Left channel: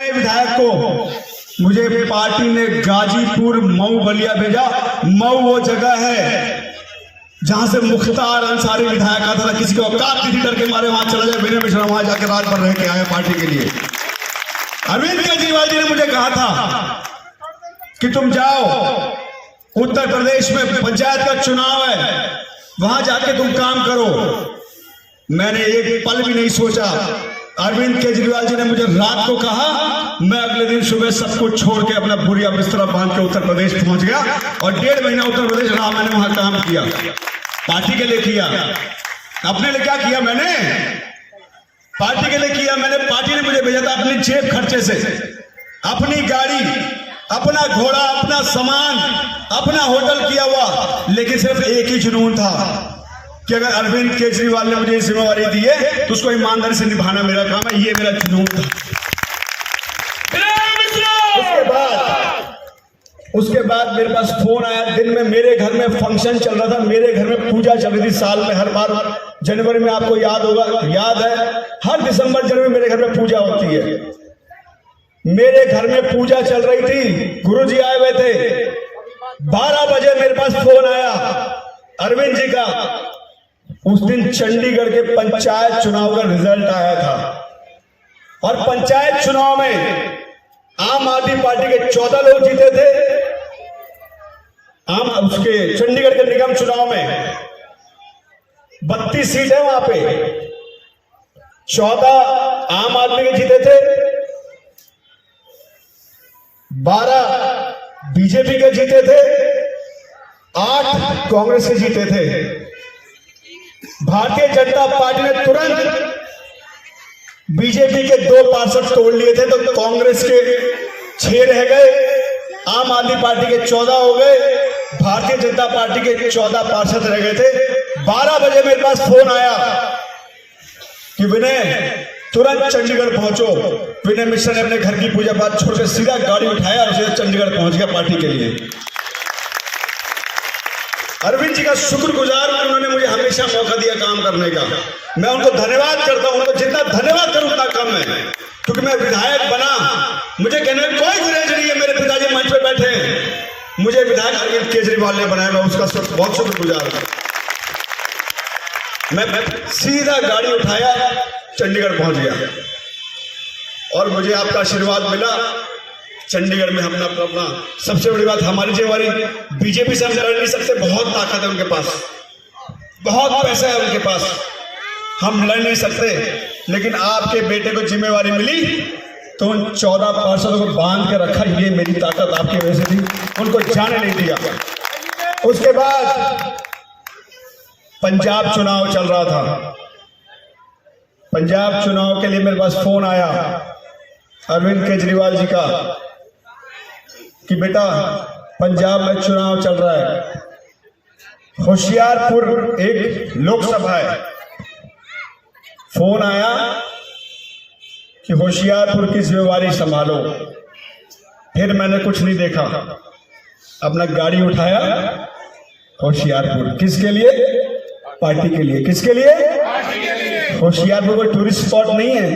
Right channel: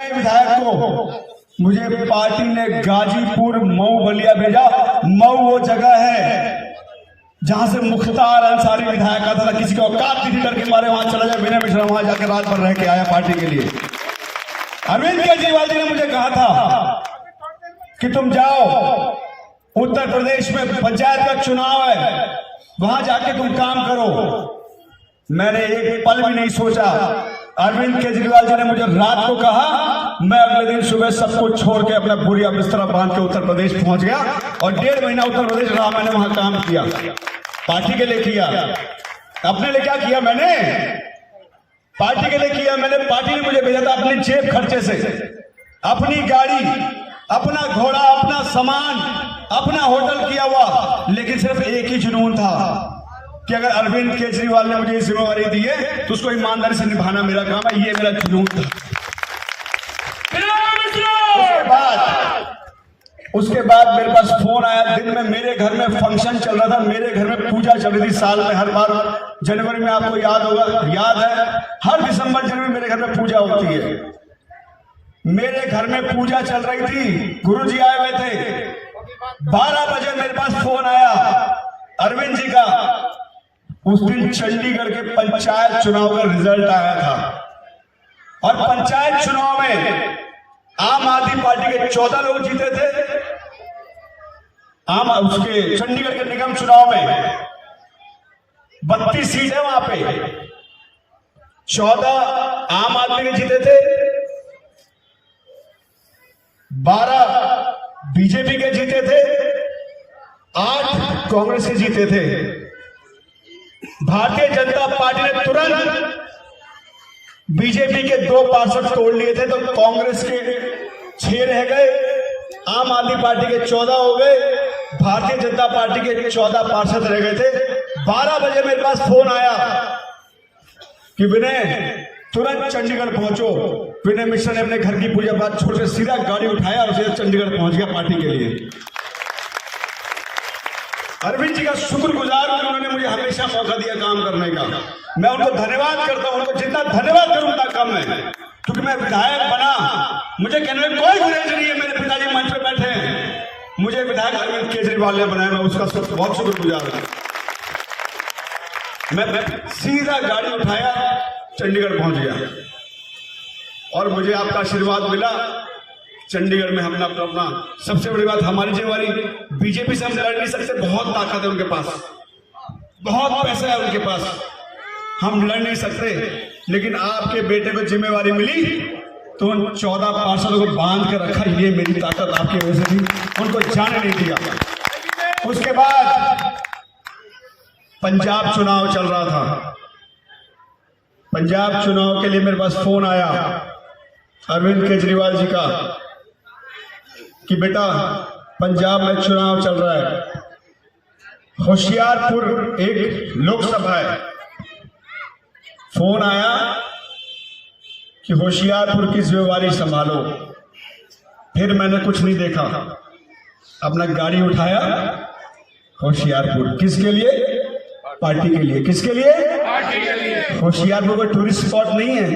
विधायक को मुझे पार्टी ने गाजीपुर मऊ बलिया भेजा। मऊ वो जगह है जहां से मुख्तार अंसारी विधायक आता था, किसी को औकात की डर के मारे वहां चला जाए। विनय मिश्रा वहां जाकर रात भर रह के आया पार्टी के लिए। अरविंद केजरीवाल जी ने मुझे कहा था कि तुम जाओ उत्तर प्रदेश में पंचायत का चुनाव है, वहां जाके तुम काम करो। मैंने एक पल भी नहीं सोचा। अरविंद केजरीवाल जी ने मुझे रात को कहा, मैं अगले दिन सुबह सब कुछ छोड़ के अपना बोरिया बिस्तरा बांध के उत्तर प्रदेश पहुंच गया और 1.5 महीना उत्तर प्रदेश रहा। मैंने वहां काम किया, पार्टी के लिए किया। अपने लिए क्या किया? मैंने पार्टी के लिए किया। मैंने पार्टी ने मुझे भेजा था अपनी जेब खर्चे से, अपनी गाड़ी, अपना घोड़ा, अपना सामान, अपना होटल किया हुआ। लेकिन सिर्फ एक ही जुनून था कि अगर अरविंद केजरीवाल ने मुझे जिम्मेवारी दी है तो उसको ईमानदारी से निभाना मेरा काम है। ये मेरा जुनून था। उसके बाद मेरे पास फोन आया। दिन में मेरे घर में फंक्शन चल रहा था, मेरे घर में पूजा चल रही थी। साल में हर बार जनवरी में, आपको याद होगा, याद है, हर दिसंबर जनवरी मेरे घर में पूजा होती है। मेरे घर में पूजा चल रही थी, गुरुजी आए हुए थे। 12 बजे मेरे पास फोन आया अरविंद जी का। उस दिन चंडीगढ़ के पंचायत चुनाव का रिजल्ट आया था और पंचायत चुनाव में आम आदमी पार्टी के 14 लोग जीते थे। उसके चंडीगढ़ के निगम चुनाव में 32 सीट है, वहां पे 14 आम आदमी के जीते थे, 12 बीजेपी के जीते थे, 8 कांग्रेस के जीते थे। भारतीय जनता पार्टी ने तुरंत बीजेपी के 2 पार्षद तोड़ लिए थे, तो कांग्रेस के 6 रह गए, आम आदमी पार्टी के 14 हो गए, भारतीय जनता पार्टी के 14 पार्षद रह गए थे। 12 बजे मेरे पास फोन आया कि विनय तुरंत चंडीगढ़ पहुंचो। विनय मिश्रा ने अपने घर की पूजा पाठ छोड़ के सीधा गाड़ी उठाया और सीधा चंडीगढ़ पहुंच गया पार्टी के लिए। अरविंद जी का शुक्रगुजार हूं, उन्होंने मुझे हमेशा मौका दिया काम करने का। मैं उनको धन्यवाद करता हूं। उनको जितना धन्यवाद करूं उतना कम है, क्योंकि मैं विधायक बना। मुझे कहने में कोई गुरेज नहीं है। मेरे पिताजी मंच पे बैठे हैं, मुझे विधायक अरविंद केजरीवाल ने बनाया, मैं उसका बहुत शुक्रगुजार हूं। मैं सीधा गाड़ी उठाया, चंडीगढ़ पहुंच गया और मुझे आपका आशीर्वाद मिला। चंडीगढ़ में हमने अपना सबसे बड़ी बात, हमारी जिम्मेवारी, बीजेपी से हम लड़ नहीं सकते। बहुत ताकत है उनके पास, बहुत पैसा है उनके पास, हम लड़ नहीं सकते। लेकिन आपके बेटे को जिम्मेवारी मिली तो उन 14 पार्षदों को बांध के रखा। ये मेरी ताकत आपकी वजह से थी, उनको जाने नहीं दिया। उसके बाद पंजाब चुनाव चल रहा था। पंजाब चुनाव के लिए मेरे पास फोन आया अरविंद केजरीवाल जी का कि बेटा पंजाब में चुनाव चल रहा है, होशियारपुर एक लोकसभा है। फोन आया कि होशियारपुर की जिम्मेवारी संभालो। फिर मैंने कुछ नहीं देखा, अपना गाड़ी उठाया, होशियारपुर। किसके लिए? पार्टी के लिए। किसके लिए? होशियारपुर कोई टूरिस्ट स्पॉट नहीं है,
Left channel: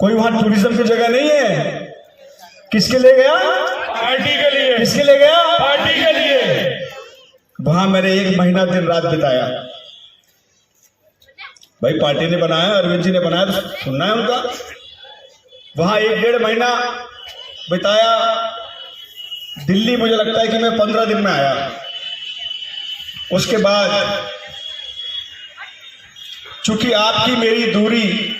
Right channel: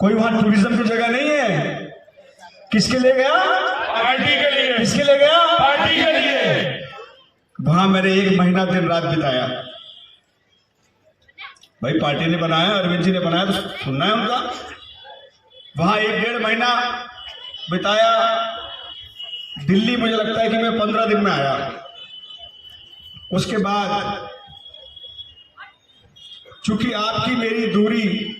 कोई वहां टूरिज्म की जगह नहीं है। किसके लिए गया? पार्टी के लिए। किसके लिए गया? पार्टी के लिए। वहां मैंने 1 महीना दिन रात बिताया। भाई पार्टी ने बनाया, अरविंद जी ने बनाया, तो सुनना है उनका। वहां 1-1.5 महीना बिताया। दिल्ली मुझे लगता है कि मैं 15 दिन में आया। उसके बाद चूंकि आपकी मेरी दूरी,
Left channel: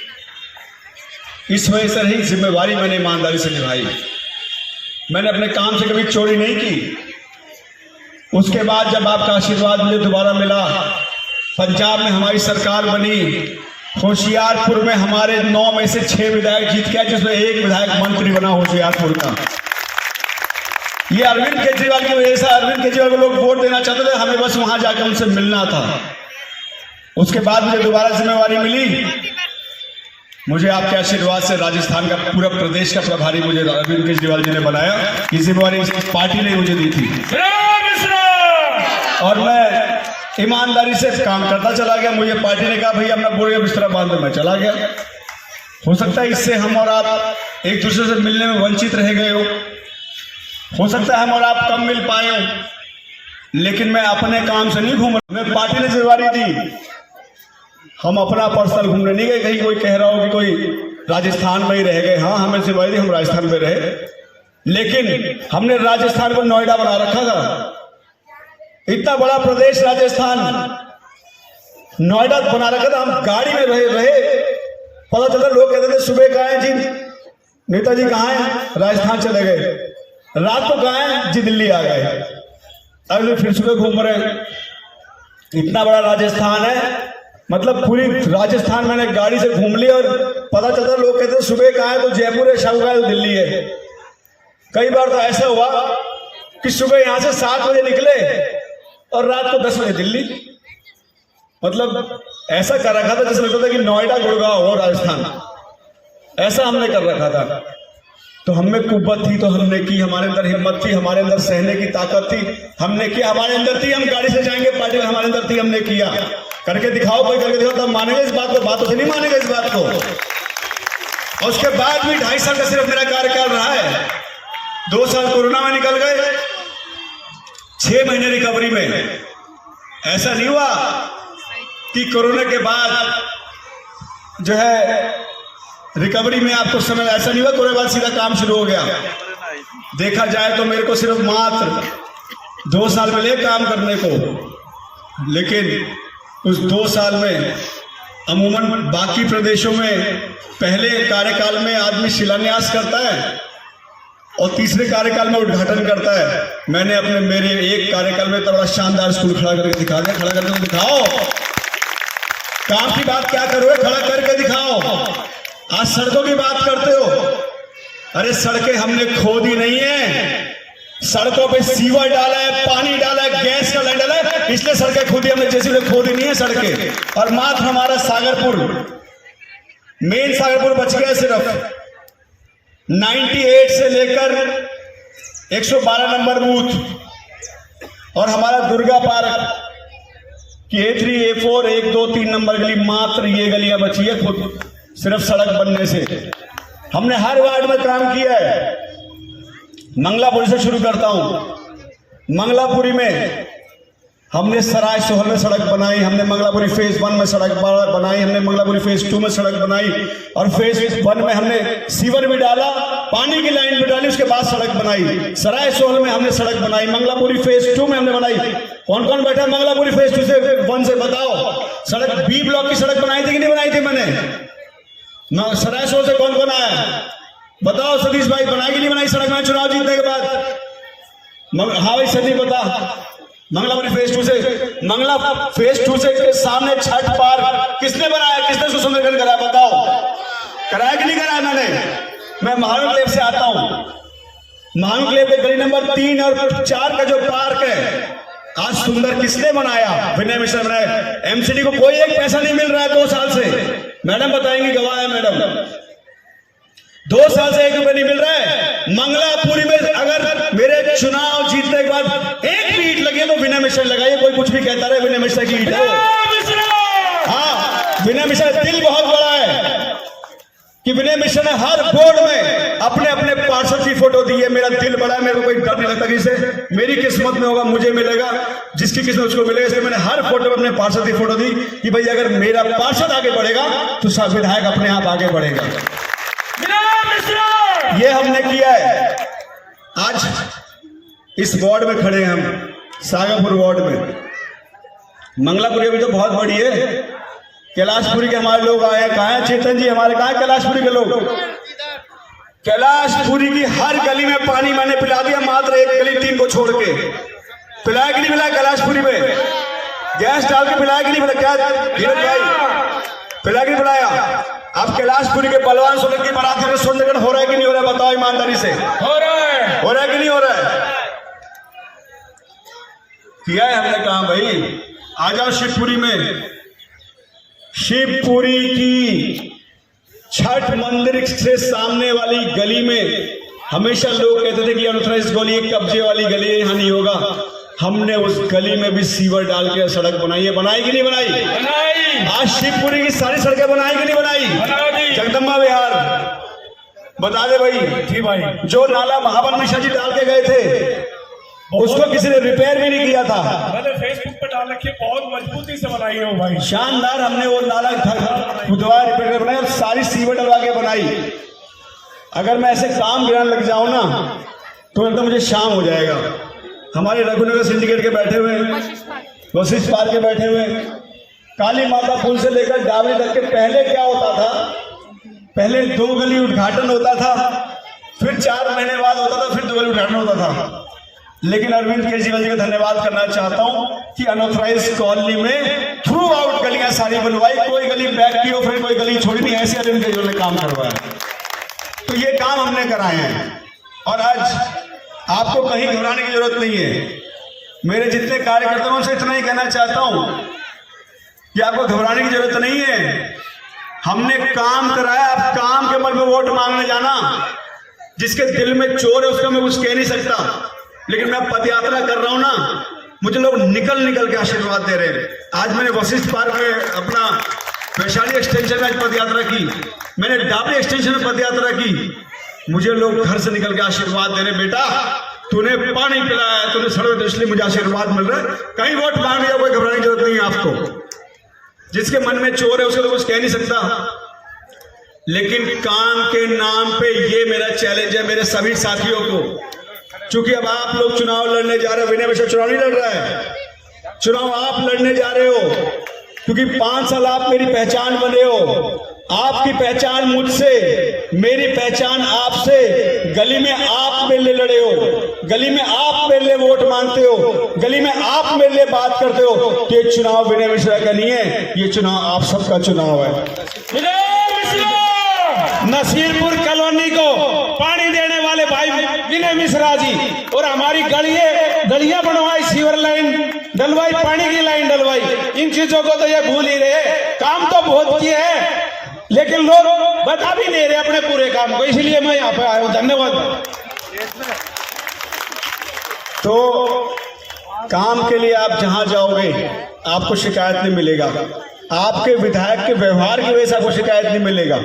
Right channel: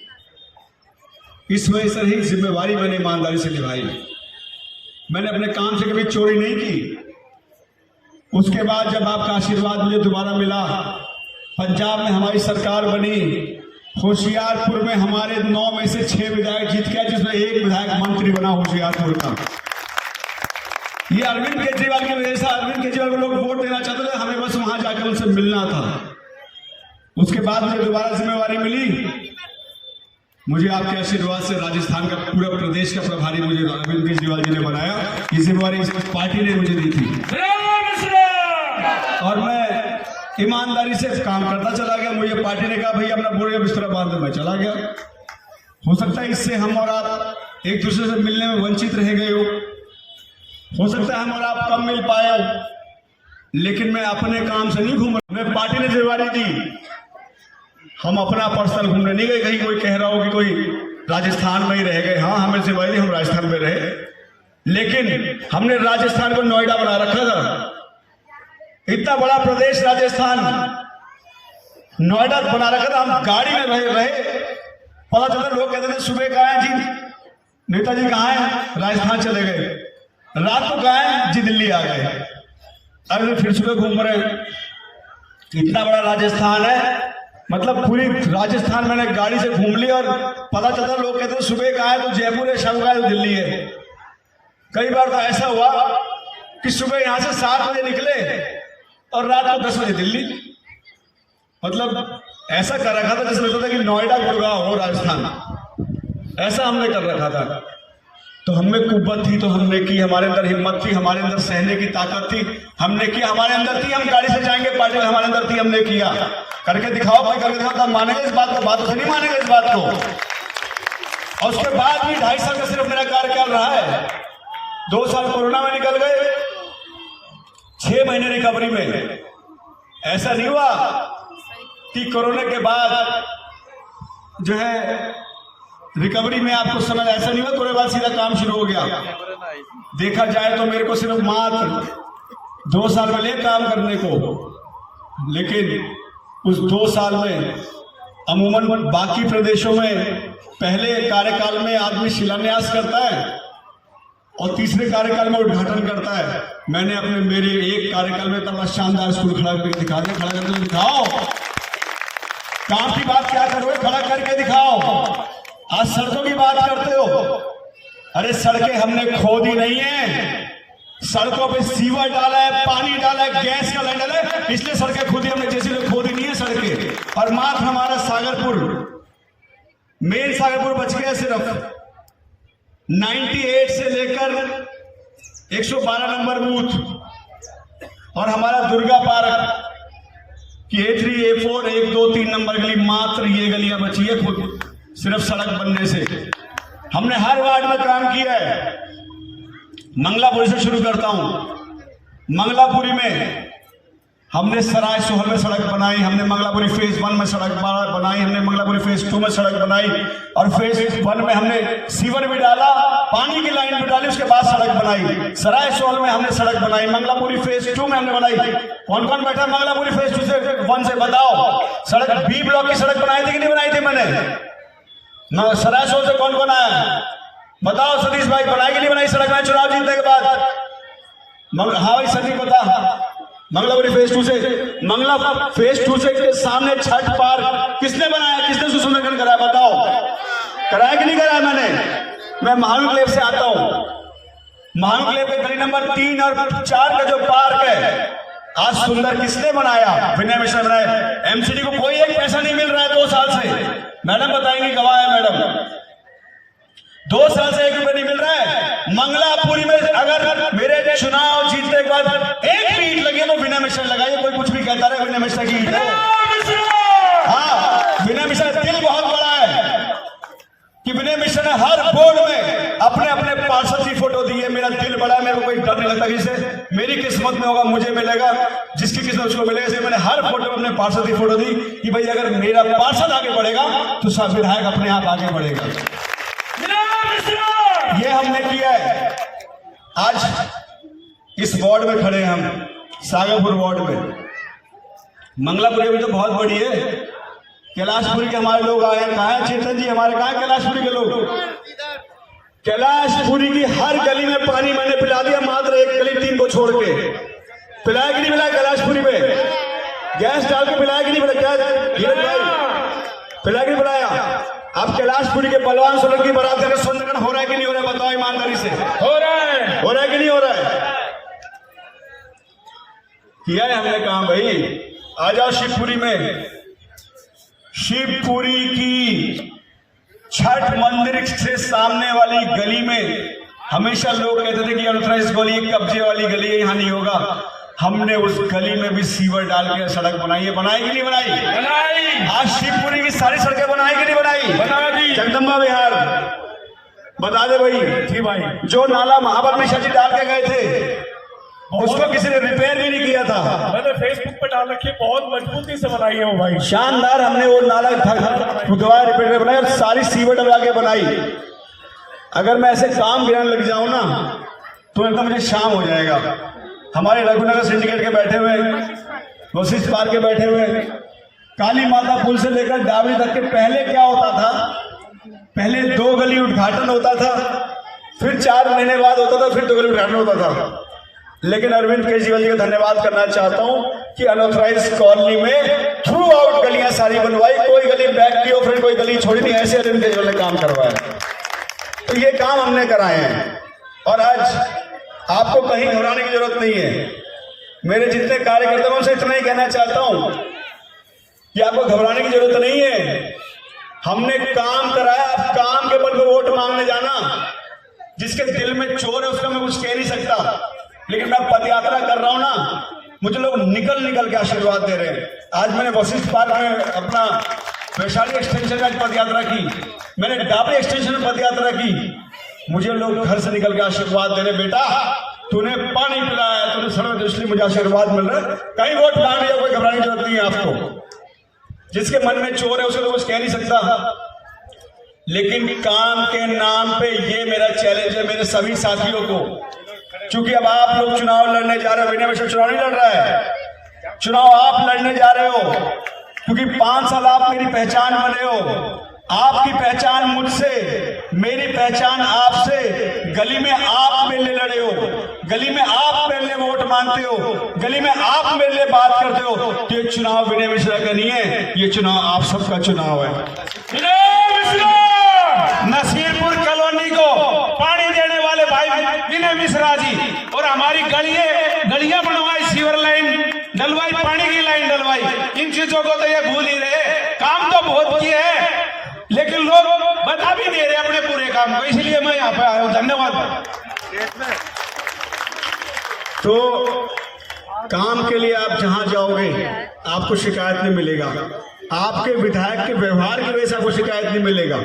इस वजह से रही, जिम्मेवारी मैंने ईमानदारी से निभाई। मैंने अपने काम से कभी चोरी नहीं की। उसके बाद जब आपका आशीर्वाद मुझे दोबारा मिला, पंजाब में हमारी सरकार बनी, होशियारपुर में हमारे 9 में से 6 विधायक जीत गया, जिसमें 1 विधायक मंत्री बना होशियारपुर का। ये अरविंद केजरीवाल की वजह से। अरविंद केजरीवाल को लोग वोट देना चाहते थे, हमें बस वहां जाकर उनसे मिलना था। उसके बाद मुझे दोबारा जिम्मेवारी मिली। मुझे आपके आशीर्वाद से राजस्थान का पूरा प्रदेश का प्रभारी मुझे अरविंद केजरीवाल जी ने बनाया। ये जिम्मेवारी पार्टी ने मुझे दी थी और मैं ईमानदारी से काम करता चला गया। मुझे पार्टी ने कहा भैया अपना बोरिया बिस्तरा बांध दो, मैं चला गया। हो सकता है इससे हम और आप एक दूसरे से मिलने में वंचित रह गए हो सकता है हम और आप कम मिल पाए हो, लेकिन मैं अपने काम से नहीं घूम रहा। हमें पार्टी ने जिम्मेदारी दी, हम अपना पर्सनल घूमने नहीं गए। कहीं कोई कह रहा हो कि कोई राजस्थान में ही रह गए, हाँ हमें जिम्मेदारी दी, हम राजस्थान में रहे, लेकिन हमने राजस्थान को नोएडा बना रखा था। इतना बड़ा प्रदेश राजस्थान, नोएडा बना रखा था। हम गाड़ी में रहे, पता चला लोग कहते थे सुबह कहाँ है जी, नेताजी कहाँ है, राजस्थान चले गए, रात को कहाँ है जी, दिल्ली आ गए, अरे फिर सुबह घूम रहे। इतना बड़ा राजस्थान है, मतलब पूरी राजस्थान मैंने गाड़ी से घूम ली और पता चलता लोग कहते सुबह कहाँ है, तो जयपुर है, शाम का है तो दिल्ली है। कई बार तो ऐसा हुआ कि सुबह यहां से 7 बजे निकले और रात को 10 बजे दिल्ली। मतलब ऐसा कर रखा था जैसे लगता था कि नोएडा गुड़गांव हो राजस्थान, ऐसा हमने कर रखा था। तो हमें कुव्वत थी तो हमने की, हमारे अंदर हिम्मत थी, हमारे अंदर सहने की ताकत थी, हमने किया, हमारे अंदर थी, हम गाड़ी से जाएंगे पार्टी में, हमारे अंदर थी, हमने किया। करके दिखाओ, कोई करके दिखाओ, तब मानेंगे इस बात को, बातों से नहीं मानेंगे इस बात को। और उसके बाद भी 2.5 साल का सिर्फ मेरा कार्यकाल रहा है। 2 साल कोरोना में निकल गए, 6 महीने रिकवरी में। ऐसा नहीं हुआ कि कोरोना के बाद जो है रिकवरी में आपको समय, ऐसा नहीं हुआ कोरोना के बाद सीधा काम शुरू हो गया। देखा जाए तो मेरे को सिर्फ मात्र 2 साल मिले काम करने को, लेकिन उस 2 साल में अमूमन बाकी प्रदेशों में पहले कार्यकाल में आदमी शिलान्यास करता है और तीसरे कार्यकाल में उद्घाटन करता है। मैंने मेरे एक कार्यकाल में बड़ा शानदार स्कूल खड़ा करके दिखा दिया। खड़ा करके दिखाओ, काम की बात क्या करोगे, खड़ा करके दिखाओ। आज सड़कों की बात करते हो, अरे सड़कें हमने खोदी नहीं है, सड़कों पे सीवर डाला है, पानी डाला है, गैस का लाइन डाला है, इसलिए सड़कें खोदी हमने, जैसे खोदी नहीं है सड़कें। और मात्र हमारा सागरपुर, मेन सागरपुर बच गया सिर्फ। 98 से लेकर 112 नंबर बूथ और हमारा दुर्गा पार्क की A3, A4, 1, 2, 3 नंबर गली, मात्र ये गलियां बची है खुद सिर्फ सड़क बनने से। हमने हर वार्ड में काम किया है। मंगलापुरी से शुरू करता हूं। मंगलापुरी में हमने सराय सोहर में सड़क बनाई, हमने मंगलापुरी फेज 1 में सड़क बनाई, हमने मंगलापुरी फेज 2 में सड़क बनाई, और फेज 1 में हमने सीवर भी डाला, पानी की लाइन भी डाली, उसके बाद सड़क बनाई। सराय सोहर में हमने सड़क बनाई, मंगलापुरी फेज 2 में हमने बनाई। कौन कौन बैठा मंगलापुरी फेज 2 से 1 से बताओ। सड़क B ब्लॉक की सड़क बनाई थी कि नहीं बनाई थी मैंने? सराय सोहर से कौन कौन आया बताओ? सतीश भाई बनाई कि नहीं बनाई सड़क में चुनाव जीतने के बाद? हाँ भाई सर, बता। मंगलापुरी फेज 2 से, मंगला फेज 2 से के सामने छठ पार्क किसने बनाया, किसने सुसंदरकरण कराया बताओ? कराया कि नहीं कराया मैंने? मैं महानक्लेव से आता हूं। महानक्लेव के गली नंबर 3 और 4 का जो पार्क है आज सुंदर किसने बनाया? विनय मिश्रा बनाया। एमसीडी को कोई एक पैसा नहीं मिल रहा है 2 साल से। मैडम बताएंगी, गवाह है मैडम, 2 साल से 1 रुपये नहीं मिल रहा है। मंगलापुरी में अगर मेरे चुनाव जीतने के बाद एक भी ईंट लगे तो विनय मिश्रा लगाइए। कोई कुछ भी कहता रहे, विनय मिश्रा की ईंट है। हाँ, विनय मिश्रा दिल बहुत बड़ा है कि विनय मिश्रा ने हर बोर्ड में अपने अपने पार्षद की फोटो दी है। मेरा दिल बड़ा है, मेरे को कोई डर नहीं लगता कि इसे मेरी किस्मत में होगा, मुझे मिलेगा, जिसकी किस्मत उसको मिलेगा। इसलिए मैंने हर फोटो में अपने पार्षद की फोटो दी कि भाई अगर मेरा पार्षद आगे बढ़ेगा तो सब विधायक अपने आप आगे बढ़ेगा। ये हमने किया है। आज इस वार्ड में खड़े हैं हम, सागरपुर वार्ड में। मंगलापुरी भी तो बहुत बड़ी है। कैलाशपुरी के हमारे लोग आए हैं। कहाँ है चेतन जी हमारे? कहाँ है कैलाशपुरी के लोग? कैलाशपुरी की हर गली में पानी मैंने पिला दिया, मात्र एक गली 3 को छोड़ के। पिलाया कि नहीं पिलाया? कैलाशपुरी में गैस डाल के पिलाया कि नहीं पिलाया? क्या धीरज भाई, पिलाया कि नहीं पिलाया? अब कैलाशपुरी के बलवान सोलंकी बराती में सुंदरगढ़ हो रहा है कि नहीं हो रहा है? बताओ ईमानदारी से। हो रहा है। हो रहा है कि नहीं हो रहा है? किया है हमने काम भाई। आ जाओ शिवपुरी में। शिवपुरी की छठ मंदिर से सामने वाली गली में हमेशा लोग कहते थे कि अनऑथराइज्ड गली, कब्जे वाली गली है, यहाँ नहीं होगा। हमने उस गली में भी सीवर डाल के सड़क बनाई है। बनाई कि नहीं बनाई? बनाई। आज शिवपुरी की सारी सड़कें बनाई कि नहीं बनाई? बना दी। जगदम्बा विहार, बता दे भाई। जी भाई। जो नाला महाबल मिश्रा जी डाल के गए थे उसको किसी ने रिपेयर भी नहीं किया था। मैंने फेसबुक पे डाल रखी है, बहुत मजबूती से बनाई है वो भाई। शानदार हमने वो नाला खुदवा रिपेयर बनाई और सारी सीवर डलवा के बनाई। अगर मैं ऐसे काम गिराने लग जाऊं ना तो एकदम मुझे शाम हो जाएगा। हमारे रघुनगर सिंडिकेट के बैठे हुए, वशिष्ठ पार्क के बैठे हुए, काली माता पुल से लेकर डाबरी तक के पहले क्या होता था, पहले 2 गली उद्घाटन होता था, फिर 4 महीने बाद होता था, फिर 2 गली उद्घाटन होता था। लेकिन अरविंद केजरीवाल जी का धन्यवाद करना चाहता हूं कि अनऑथराइज कॉलोनी में थ्रू आउट गलियां सारी बनवाई, कोई गली बैक की और फिर कोई गली छोड़ी नहीं, ऐसे अरविंद केजरीवाल ने काम करवाया। तो ये काम हमने कराए हैं और आज आपको कहीं घबराने की जरूरत नहीं है। मेरे जितने कार्यकर्ताओं से इतना ही कहना चाहता हूं कि आपको घबराने की जरूरत नहीं है। हमने काम कराया, आप काम के बल पर वोट मांगने जाना। जिसके दिल में चोर है उसको मैं कुछ कह नहीं सकता, लेकिन मैं पदयात्रा कर रहा हूं ना, मुझे लोग निकल निकल के आशीर्वाद दे रहे हैं। आज मैंने वशिष्ठ पार्क में अपना वैशाली एक्सटेंशन में पदयात्रा की, मैंने डाबरी एक्सटेंशन में पदयात्रा की। मुझे लोग घर से निकल के आशीर्वाद दे रहे, बेटा तूने पानी पिलाया, तूने सड़क तो इसलिए मुझे आशीर्वाद मिल रहा है। कहीं वोट मांगने का कोई घबराने की जरूरत नहीं है आपको। जिसके मन में चोर है उसको तो कुछ कह नहीं सकता, लेकिन काम के नाम पे ये मेरा चैलेंज है मेरे सभी साथियों को। क्योंकि अब आप लोग चुनाव लड़ने जा रहे हो, विनय मिश्रा चुनाव नहीं लड़ रहा है, चुनाव आप लड़ने जा रहे हो। क्योंकि 5 साल आप मेरी पहचान बने हो, आपकी पहचान मुझसे, मेरी पहचान आपसे। गली में आप मेरे लिए लड़े हो, गली में आप मेरे लिए वोट मांगते हो, गली में आप मेरे लिए बात करते हो। तो ये चुनाव विनय मिश्रा का नहीं है, ये चुनाव आप सबका चुनाव है। नसीरपुर कॉलोनी को पानी देने वाले भाई विनय मिश्रा जी, और हमारी गलियां बनवाई, सीवर लाइन डलवाई, पानी की लाइन डलवाई। इन चीजों को तो ये भूल ही रहे। काम तो बहुत किए हैं लेकिन लोग बता भी नहीं रहे अपने पूरे काम को, इसलिए मैं यहाँ पे आया हूँ। धन्यवाद। तो काम के लिए आप जहां जाओगे आपको शिकायत नहीं मिलेगा, आपके विधायक के व्यवहार की वजह से आपको शिकायत नहीं मिलेगा।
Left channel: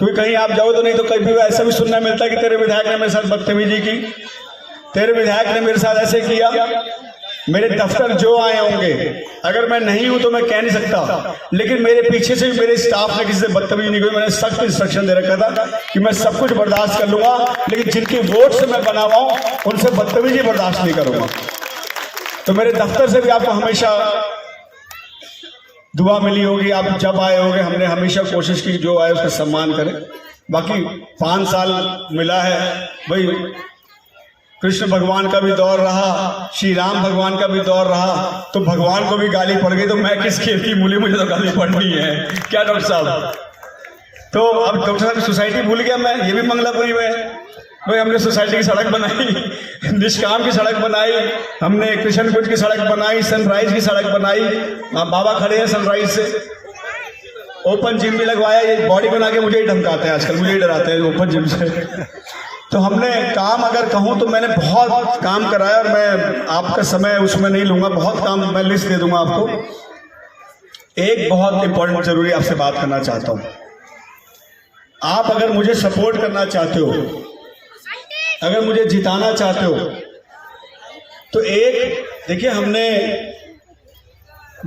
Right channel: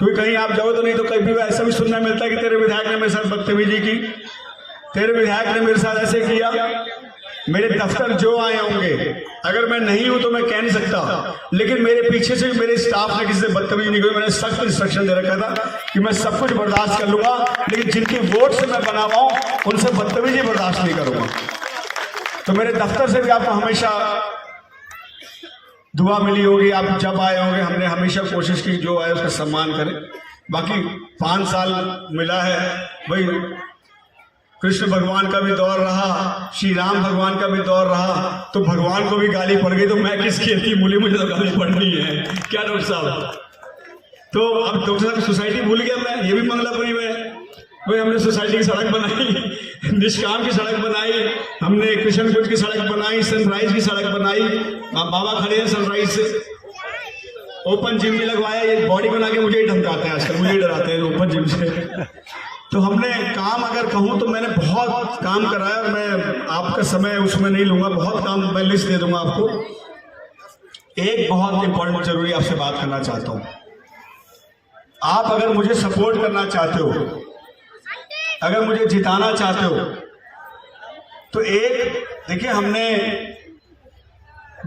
क्योंकि कहीं आप जाओ तो नहीं तो कभी ऐसा भी सुनना मिलता है कि तेरे विधायक ने मेरे साथ बदतमीजी की, तेरे विधायक ने मेरे साथ ऐसे किया। मेरे दफ्तर जो आए होंगे, अगर मैं नहीं हूं तो मैं कह नहीं सकता, लेकिन मेरे पीछे से भी मेरे स्टाफ ने किसी से बदतमीजी नहीं की। मैंने सख्त इंस्ट्रक्शन दे रखा था कि मैं सब कुछ बर्दाश्त कर लूंगा, लेकिन जिनकी वोट से मैं बना हुआ हूं उनसे बदतमीजी बर्दाश्त नहीं करूंगा। तो मेरे दफ्तर से भी आपको हमेशा दुआ मिली होगी, आप जब आए होंगे हमने हमेशा कोशिश की जो आए उसका सम्मान करें। बाकी 5 साल मिला है भाई, कृष्ण भगवान का भी दौर रहा, श्री राम भगवान का भी दौर रहा, तो भगवान को भी गाली पड़ गई तो मैं किस खेल की मूली, मुझे तो गाली पड़नी है क्या डॉक्टर साहब। तो अब डॉक्टर साहब सोसाइटी भूल गया मैं, ये भी मंगलापुरी में भाई हमने सोसाइटी की सड़क बनाई, निष्काम की सड़क बनाई, हमने कृष्णकुंज की सड़क बनाई, सनराइज की सड़क बनाई, बाबा खड़े हैं सनराइज से, ओपन जिम भी लगवाया। ये बॉडी बना के मुझे ही धमकाते हैं आजकल, मुझे ही डराते हैं ओपन जिम से। तो हमने काम अगर कहूँ तो मैंने बहुत काम कराया और मैं आपका समय उसमें नहीं लूंगा, बहुत काम मैं लिस्ट दे दूंगा आपको। एक बहुत इंपॉर्टेंट जरूरी आपसे बात करना चाहता हूँ। आप अगर मुझे सपोर्ट करना चाहते हो, अगर मुझे जिताना चाहते हो, तो एक देखिए हमने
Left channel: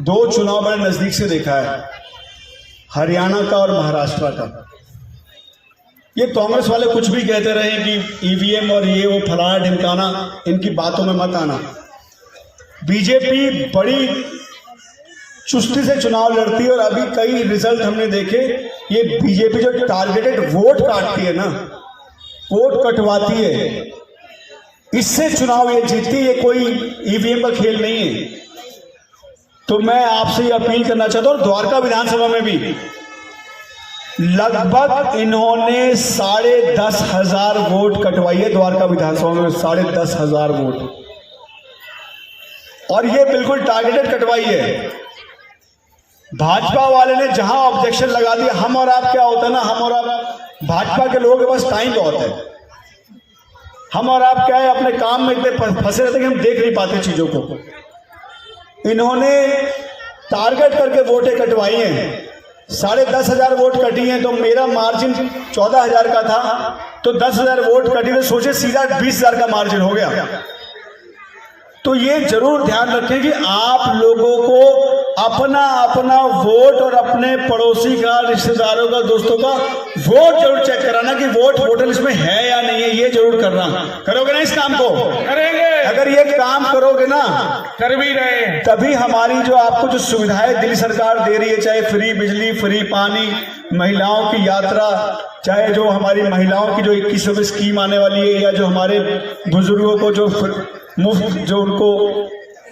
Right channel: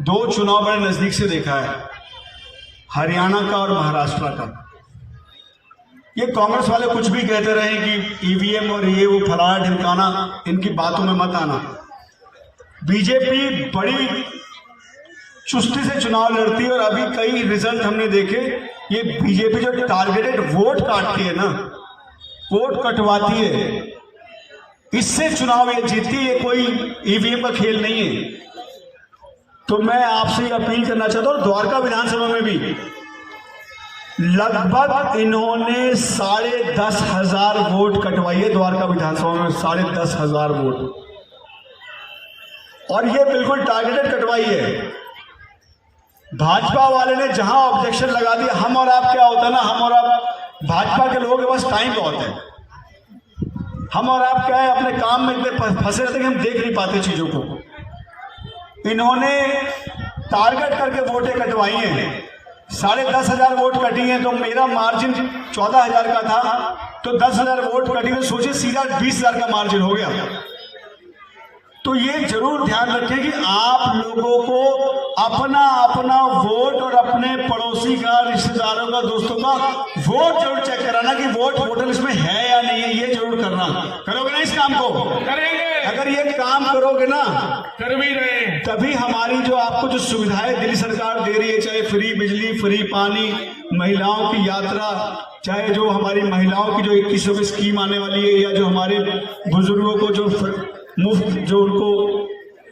2 चुनाव बड़े नजदीक से देखा है, हरियाणा का और महाराष्ट्र का। ये कांग्रेस वाले कुछ भी कहते रहे कि ईवीएम और ये वो फलाना ढिमकाना, इनकी बातों में मत आना। बीजेपी बड़ी चुस्ती से चुनाव लड़ती है और अभी कई रिजल्ट हमने देखे। ये बीजेपी जो टारगेटेड वोट काटती है ना, वोट कटवाती है, इससे चुनाव ये जीतती है, कोई ईवीएम का खेल नहीं है। तो मैं आपसे ये अपील करना चाहता हूं, द्वारका विधानसभा में भी लगभग इन्होंने 10,500 वोट कटवाई है। द्वारका विधानसभा में 10,500 वोट, और ये बिल्कुल टारगेटेड कटवाई है। भाजपा वाले ने जहां ऑब्जेक्शन लगा दिया, हम और आप क्या होता है ना, हम और आप, भाजपा के लोगों के पास टाइम बहुत है, हम और आप क्या है अपने काम में इतने फंसे रहते कि हम देख नहीं पाते चीजों को। इन्होंने टारगेट करके वोटें कटवाई हैं 10,500 वोट कटी हैं, तो मेरा मार्जिन 14,000 का था, तो 10,000 वोट कटी तो सोचे सीधा 20,000 का मार्जिन हो गया। तो ये जरूर ध्यान रखें कि आप लोगों को अपना अपना वोट और अपने पड़ोसी का, रिश्तेदारों का, दोस्तों का वोट जरूर चेक कराना कि वोट वोटर लिस्ट में है या नहीं है, ये जरूर करना। करोगे ना इस काम को? करेंगे। अगर ये काम करोगे ना, कर भी रहे, तभी हमारी जो आपको जो सुविधाएं दिल्ली सरकार दे रही है, चाहे फ्री बिजली, फ्री पानी, महिलाओं की यात्रा, चाहे जो हमारी महिलाओं की जो 2100 की स्कीम आने वाली है, या जो हमारे बुजुर्गों को जो मुफ्त जो उनको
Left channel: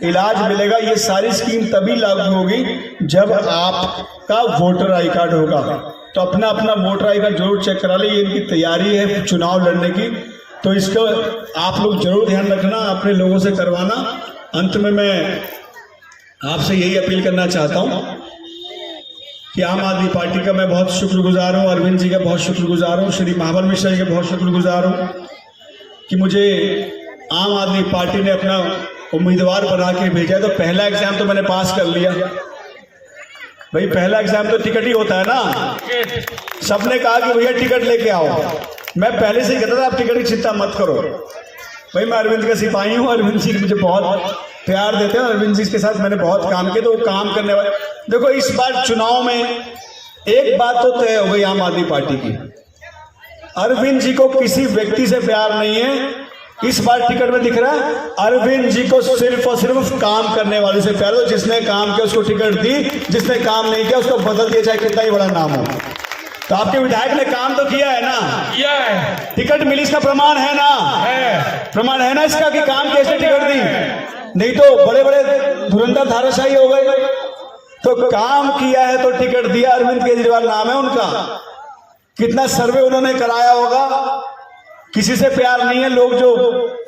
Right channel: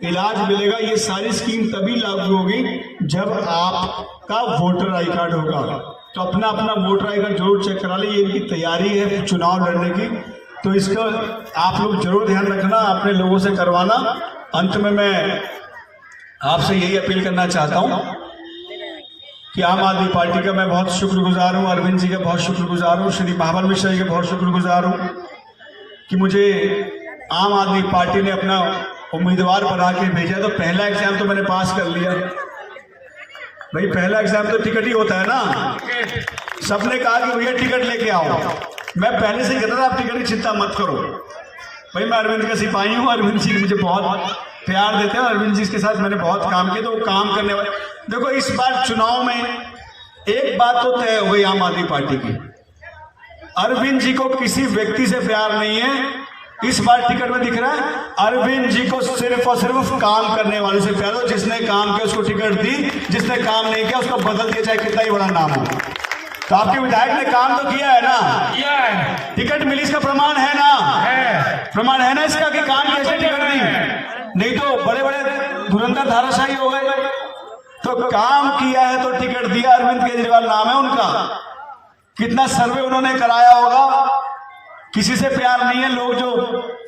इलाज मिलेगा, ये सारी स्कीम तभी लागू होगी जब आपका वोटर आई कार्ड होगा। तो अपना अपना वोटर आई कार्ड जरूर चेक करा ले। ये इनकी तैयारी है चुनाव लड़ने की, तो इसको आप लोग जरूर ध्यान रखना, अपने लोगों से करवाना। अंत में मैं आपसे यही अपील करना चाहता हूं कि आम आदमी पार्टी का मैं बहुत शुक्रगुजार हूं, अरविंद जी का बहुत शुक्रगुजार हूं, श्री महाबल मिश्रा जी का बहुत शुक्रगुजार हूं कि मुझे आम आदमी पार्टी ने अपना उम्मीदवार बना के भेजा। तो पहला एग्जाम तो मैंने पास कर लिया भाई, पहला एग्जाम तो टिकट ही होता है ना। सबने कहा कि भैया टिकट लेके आओ, मैं पहले से कहता था आप टिकट की चिंता मत करो। भाई मैं अरविंद का सिपाही हूँ, अरविंद जी मुझे बहुत प्यार देते हैं, अरविंद जी के साथ मैंने बहुत काम किया, तो वो काम करने वाले। देखो इस बार चुनाव में एक बात तो तय हो गई आम आदमी पार्टी की, अरविंद जी को किसी व्यक्ति से प्यार नहीं है। इस बार टिकट में दिख रहा है अरविंद जी को सिर्फ और सिर्फ काम करने वाले से प्यार हो। जिसने काम किया उसको टिकट दी, जिसने काम नहीं किया उसको बदल दिया, चाहे कितना ही बड़ा नाम हो। तो आपके विधायक ने काम तो किया है ना, किया है, टिकट मिली, इसका प्रमाण है ना, है प्रमाण है ना इसका कि काम कैसे टिकट दी। नहीं तो बड़े बड़े धुरंधर धाराशाही हो गए। तो काम किया है तो टिकट दिया। अरविंद केजरीवाल नाम है उनका, कितना सर्वे उन्होंने कराया होगा। किसी से प्यार नहीं है, लोग जो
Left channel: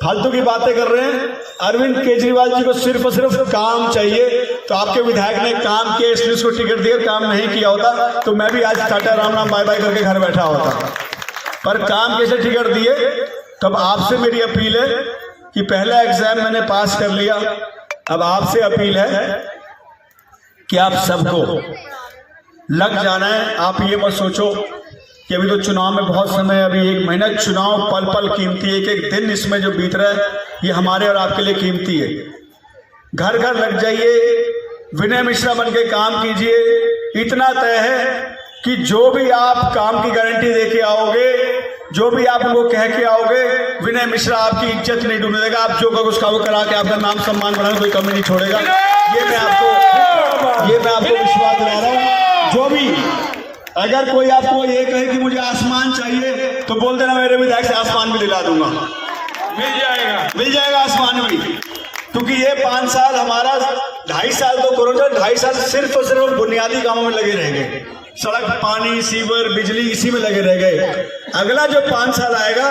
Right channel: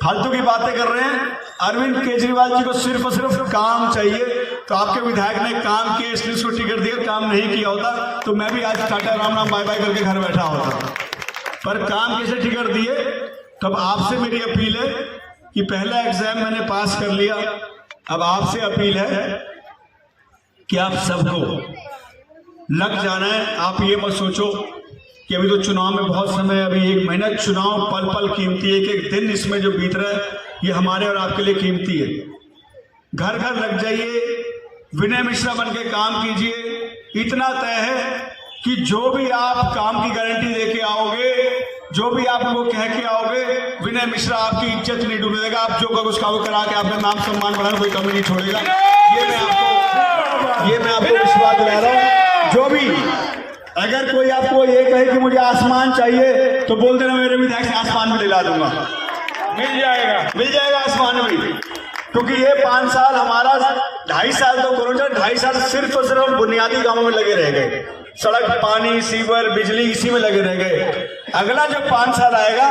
फालतू की बातें कर रहे हैं। अरविंद केजरीवाल जी को सिर्फ और सिर्फ काम चाहिए। तो आपके विधायक ने काम किया इसलिए उसको टिकट दिया, काम नहीं किया होता तो मैं भी आज टाटा राम नाम बाय बाय करके घर बैठा होता। पर काम कैसे टिकट दिए। तब आपसे मेरी अपील है कि पहला एग्जाम मैंने पास कर लिया, अब आपसे अपील है कि आप सबको लग जाना है। आप ये मत सोचो कि अभी तो चुनाव में बहुत समय है, अभी 1 महीना। चुनाव पल पल कीमती है, एक एक दिन इसमें जो बीत रहा है ये हमारे और आपके लिए कीमती है। घर घर लग जाइए, विनय मिश्रा बन के काम कीजिए। इतना तय है कि जो भी आप काम की गारंटी दे के आओगे, जो भी आप लोग कह के आओगे, विनय मिश्रा आपकी इज्जत नहीं डूबने देगा। आप जो करोगे उसका करा के आपका नाम सम्मान बनाने कोई कमी नहीं छोड़ेगा। ये मैं आपको विश्वास दिला रहा हूँ। जो भी अगर कोई आपको ये कहे कि मुझे आसमान चाहिए तो बोल देना, मेरे विधायक से आसमान भी दिला दूंगा, मिल जाएगा आसमान भी। क्योंकि ये 5 साल हमारा 2.5 साल तो कोरोना, 2.5 साल सिर्फ और सिर्फ बुनियादी कामों में लगे रह गए। सड़क, पानी, सीवर, बिजली, इसी में लगे रह गए। अगला जो 5 साल आएगा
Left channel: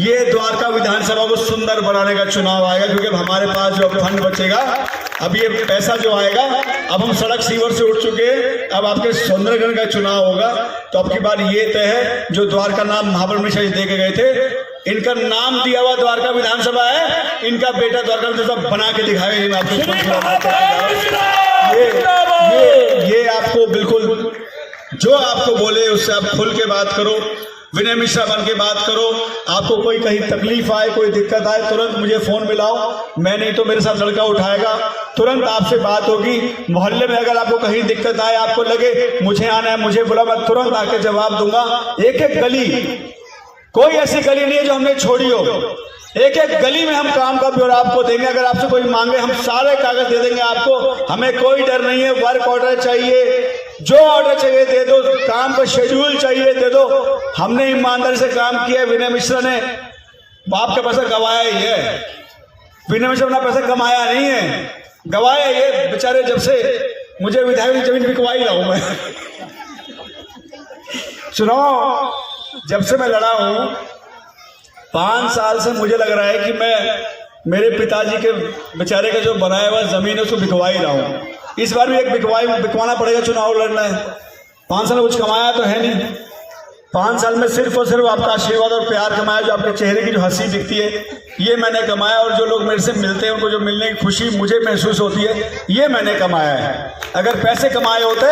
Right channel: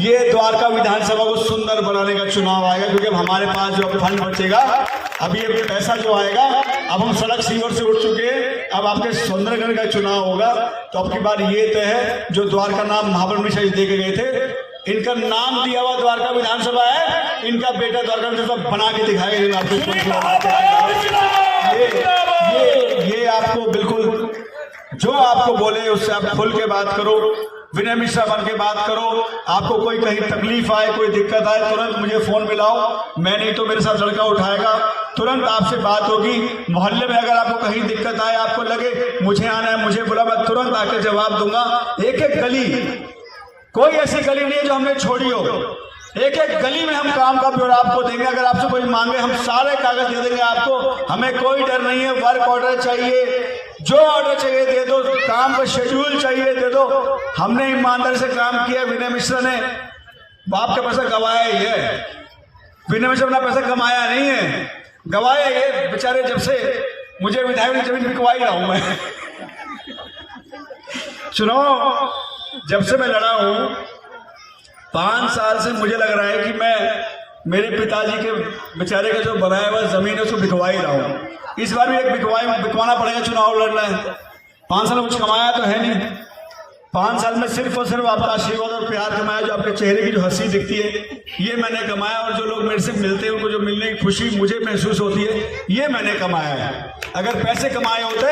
ये द्वारका विधानसभा को सुंदर बनाने का चुनाव आएगा। क्योंकि अब हमारे पास जो फंड बचेगा, अब ये पैसा जो आएगा, अब हम सड़क सीवर से उठ चुके हैं, अब आपके सौंदर्यकरण का चुनाव होगा। तो अब की बार ये तय है, जो द्वारका नाम महाबल मिश्रा जी दे के गए थे, इनका नाम दिया हुआ द्वारका विधानसभा है, इनका बेटा द्वारका विधानसभा बना के दिखाएगा। ये आपको बिल्कुल जो आपको बोले उससे आप खुल के बात करो, विनय मिश्रा बन के बात करो। आपको कोई कहीं तकलीफ आए, कोई दिक्कत आए, तुरंत मुझे फोन मिलाओ। मैं नहीं तो मेरे साथ लड़का उठाएगा, तुरंत आपसे बात होगी। मोहल्ले में अगर आपको कहीं दिक्कत आए, आपको लगे मुझे आना है, मुझे बुला, मैं तुरंत आके जवाब दूंगा। एक एक गली, कोई ऐसी गली नहीं है जो हमने छोड़ी हो। एक एक गली में हम काम का ब्यौरा आपको देंगे। अगर आपसे कोई मांगे, हम सारे कागज दे देंगे आपको। हमें कोई डर नहीं है। वर्क ऑर्डर चाहिए, जो ऑर्डर चाहिए दे दो, काम का शेड्यूल चाहिए दे दो। हमने ईमानदारी से काम किया। विनय मिश्रा ने बाप का पैसा गवाया ही है, विनय मिश्रा ने पैसा कमाया नहीं है, गवाया ये बेचारे। जब से मुझे विधायक जमीन बिकवा ही रहा हूं मैं। चुनाव जब से मैं लड़ा हूं, 5 साल से मुझे लग रहा है कि मैं मेरे पिताजी के बेचारे का जो बनाया हुआ जमीन है उसको बिकवा ही रहा हूं। इस बार भी एक बिकवाना पड़ेगा, चुनाव लड़ना है। 5 साल में कुछ कमाया तो है नहीं। 5 साल में सिर्फ और सिर्फ आपका आशीर्वाद और प्यार कमाया। जो आपके चेहरे की जो हंसी दिखती है ये मैंने कमाया। और जो लोग मेरे से मिलते हैं उनको जो मिलने की खुशी मुझे महसूस होती है ये मैंने कमाया है। अगर पैसे कमाए होते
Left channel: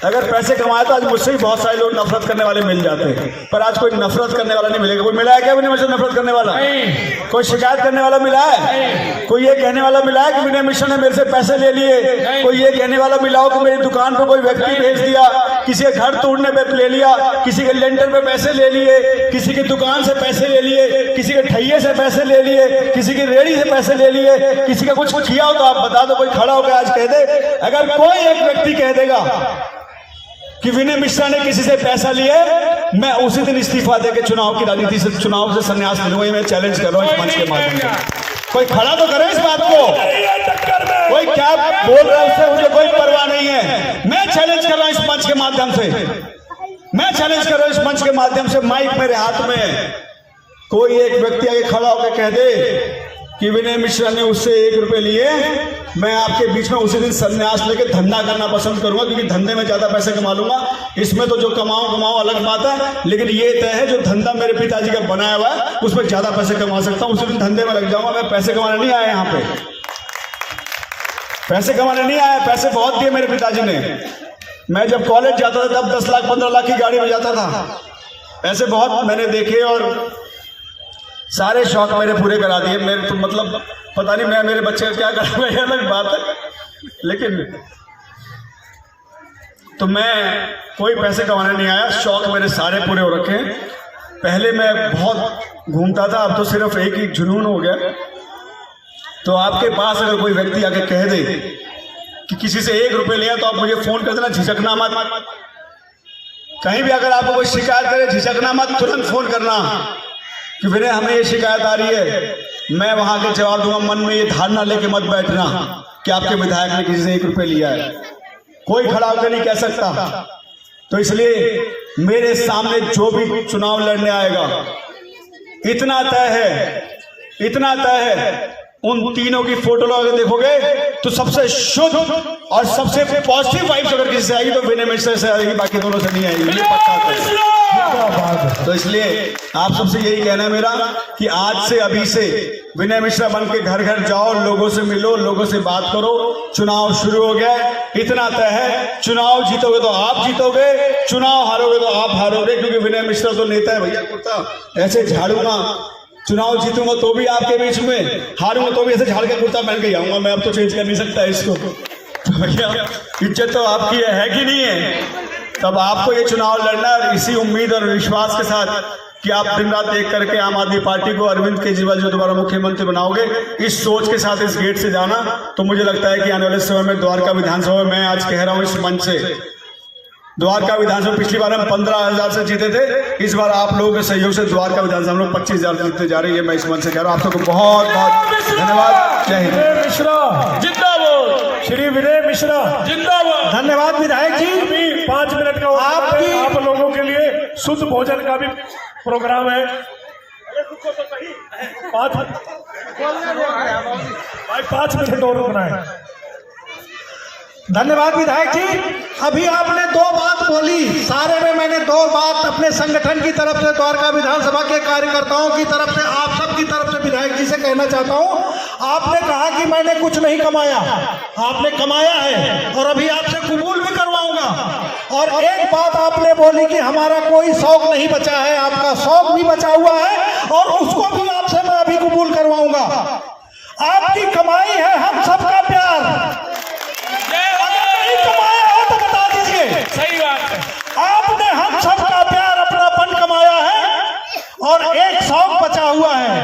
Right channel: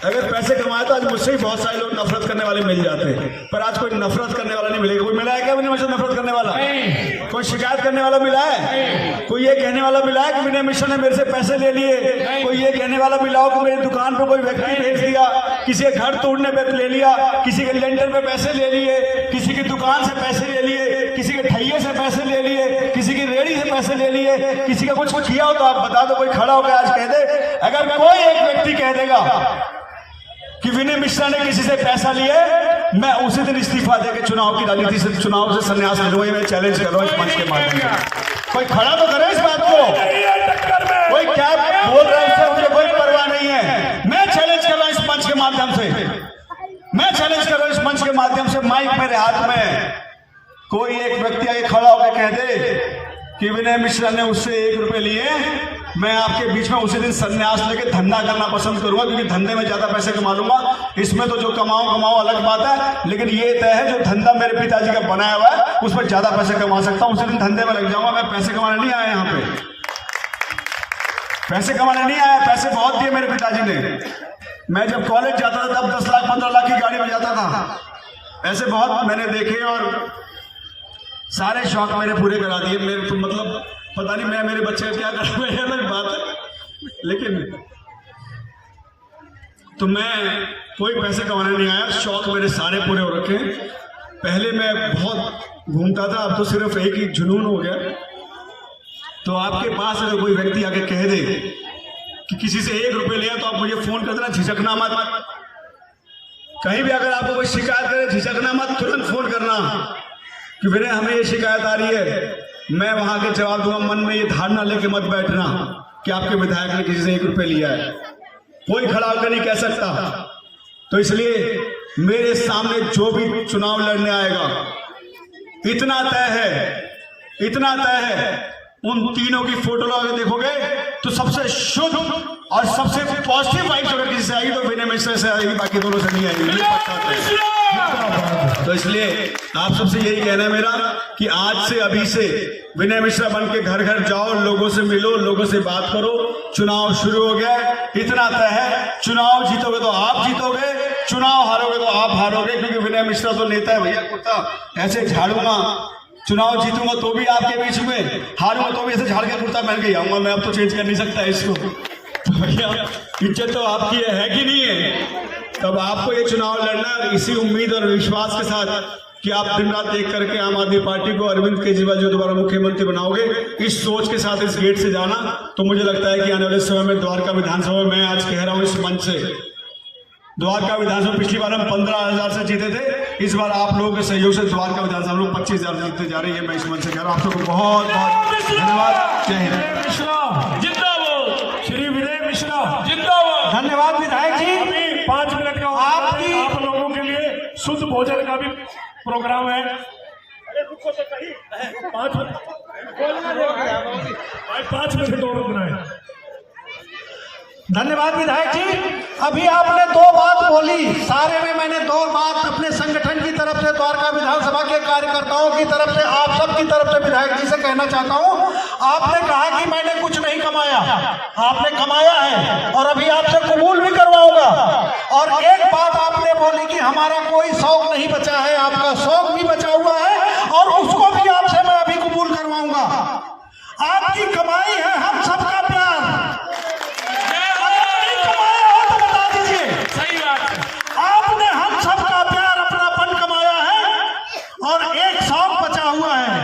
अगर पैसे कमाए तो आज मुझसे ही बहुत सारे लोग नफरत करने वाले मिल जाते हैं, पर आज कोई नफरत करने वाला नहीं मिलेगा। कोई मिला है क्या विनय मिश्रा नफरत करने वाला? कोई शिकायत करने वाला मिला है? कोई ये कहने वाला मिला है कि विनय मिश्रा ने मेरे से पैसे ले लिए? कोई ये कहने वाला मिला हो कि मेरी दुकान पर कोई व्यक्ति भेज दिया, किसी के घर तोड़ने पे ले लिया, किसी के लेंटर पे पैसे ले लिए, किसी की दुकान से पैसे ले लिए, किसी के ठैये से पैसे ले लिए, किसी की रेड़ी से पैसे ले लिए, किसी का कुछ किया हो तो आप बता दो, कोई खड़ा होकर आज कह दे। अगर कोई एक व्यक्ति कह देगा कि विनय मिश्रा ने किसी से पैसा लिया, मैं उसी दिन इस्तीफा देकर चुनाव की राजनीति से, चुनाव से संन्यास ले लूंगा। मैं चैलेंज कर रहा हूं इस मंच के माध्यम से। कोई खड़ा तो करे इस बात को। कोई क्या बोल रहा है उससे मुझे कोई परवाह नहीं है। मैं चैलेंज कर रहा हूं इस मंच के माध्यम से, मैं चैलेंज कर रहा हूं इस मंच के माध्यम से। माइक मेरे हाथ में है, कोई एक व्यक्ति आगे खड़ा होकर कह दे कि विनय मिश्रा ने उससे 1 रुपए लिए, मैं आपके बीच में उसी दिन संन्यास लेके धंधा करना पसंद करूंगा, क्योंकि धंधे में ज्यादा पैसे कमा लूंगा। इसमें तो जो कमाओ अलग बात है, लेकिन ये तय है जो धंधा मेरे पिताजी का बनाया हुआ है उसमें ज्यादा पैसे कमा सकता हूं, उसी दिन धंधे में लग जाऊंगा। मैं पैसे कमाने नहीं आया यहाँ पे, पैसे कमाने नहीं आया। पैसे बहुत दिए मेरे पिताजी ने। मैं जब कॉलेज जाता था तब 10 लाख 15 लाख की गाड़ी में जाता था। ऐसे बहुत मैंने देखे और सारे शौक मेरे पूरे करा दिए। मेरे तो मतलब पता नहीं मैं मेरे बच्चे का क्या करूंगा, ये अलग बात है। लेकिन तो मैं कोई पैसे कमाने नहीं आया, शौक मेरे सारे पूरे हो रखे हैं। पहले मैं बहुत घूमता था, अब तो सिर्फ एक ही जुनून हो गया। तो आपके पास अगर कोई व्यक्ति आके कह दे कि किसी से 1 रुपए लिया तो आप मुझे फोन कर देना, झिझकना मत। कहीं भी अगर आपको कोई शिकायत करे झिझकना मत, तुरंत फोन करना कि विनय हमें ये शिकायत आ रही है। मैं वहां के जवाब दूंगा। मन में ये धारणा लेके मत बैठना कि आपके विधायक ने किसी से 1 रुपए लिया है। कोई खड़ा होकर नहीं कह सकता। तो इसलिए मेरे सामने जो भी चुनाव लड़ने आएगा, इतना तय है, उन तीनों की फोटो अगर देखोगे तो सबसे शुद्ध और सबसे पॉजिटिव वाइब्स अगर किसी से आएगी तो विनय मिश्रा से आएगी, बाकी दोनों से नहीं आएगी। मुझे पता है। तो इसलिए आप सबसे यही कहना है मेरा कि आज से, अभी से विनय मिश्रा बन के घर घर जाओ, लोगों से मिलो, लोगों से बात करो। चुनाव शुरू हो गया, इतना तय है, चुनाव जीतोगे तो आप जीतोगे, चुनाव हारोगे तो आप हारोगे, क्योंकि विनय मिश्रा तो नेता है भैया। कुर्ता ऐसे झाड़ूंगा, चुनाव जीतूंगा तो भी आपके बीच में, हारूंगा तो भी ऐसे झाड़ के कुर्ता पहन के आऊंगा। मैं अब तो चेंज कर नहीं सकता इसको। तो भैया इज्जत तो आपकी है कि नहीं है? तब आपको ये चुनाव लड़ना है इसी उम्मीद और विश्वास के साथ कि आप दिन रात एक करके आम आदमी पार्टी को, अरविंद केजरीवाल जो दोबारा मुख्यमंत्री बनाओगे, इस सोच के साथ इस गेट से जाना। तो मुझे लगता है कि आने वाले समय में द्वारका विधानसभा में, आज कह रहा हूं इस मंच से, द्वारका विधानसभा पिछली बार हम 15,000 से जीते थे, इस बार आप लोगों के सहयोग से द्वारका विधानसभा हम लोग 25,000 से जीतते जा रही है। मैं इस मंच से कह रहा हूं आप सबको बहुत बहुत धन्यवाद। जय हिंद। विनय मिश्रा जिंदाबाद, श्री विनय मिश्रा जिंदाबाद। धन्यवाद विधायक जी। 5 मिनट का आप लोगों के लिए शुद्ध भोजन का भी प्रोग्राम है। अरे रुको तो सही, 5 मिनट और रुकना है। धन्यवाद विधायक जी। अभी आपने 2 बात बोली, सारे में मैंने 2 बात अपने संगठन की तरफ से, द्वारका विधानसभा के कार्यकर्ताओं की तरफ से, आप सब की तरफ से विधायक जी से कहना चाहता हूं। आपने कहा कि मैंने कुछ नहीं कमाया, आपने कमाया है और अभी आपसे कबूल भी करवाऊंगा। और एक बात आपने बोली कि हमारा कोई शौक नहीं बचा है, आपका शौक भी बचा हुआ है और उसको भी आपसे मैं अभी कबूल करवाऊंगा। आपकी कमाई है हम सबका प्यार। सही बात है। आपने हम सबका प्यार, अपनापन कमाया है और एक शौक बचा हुआ है।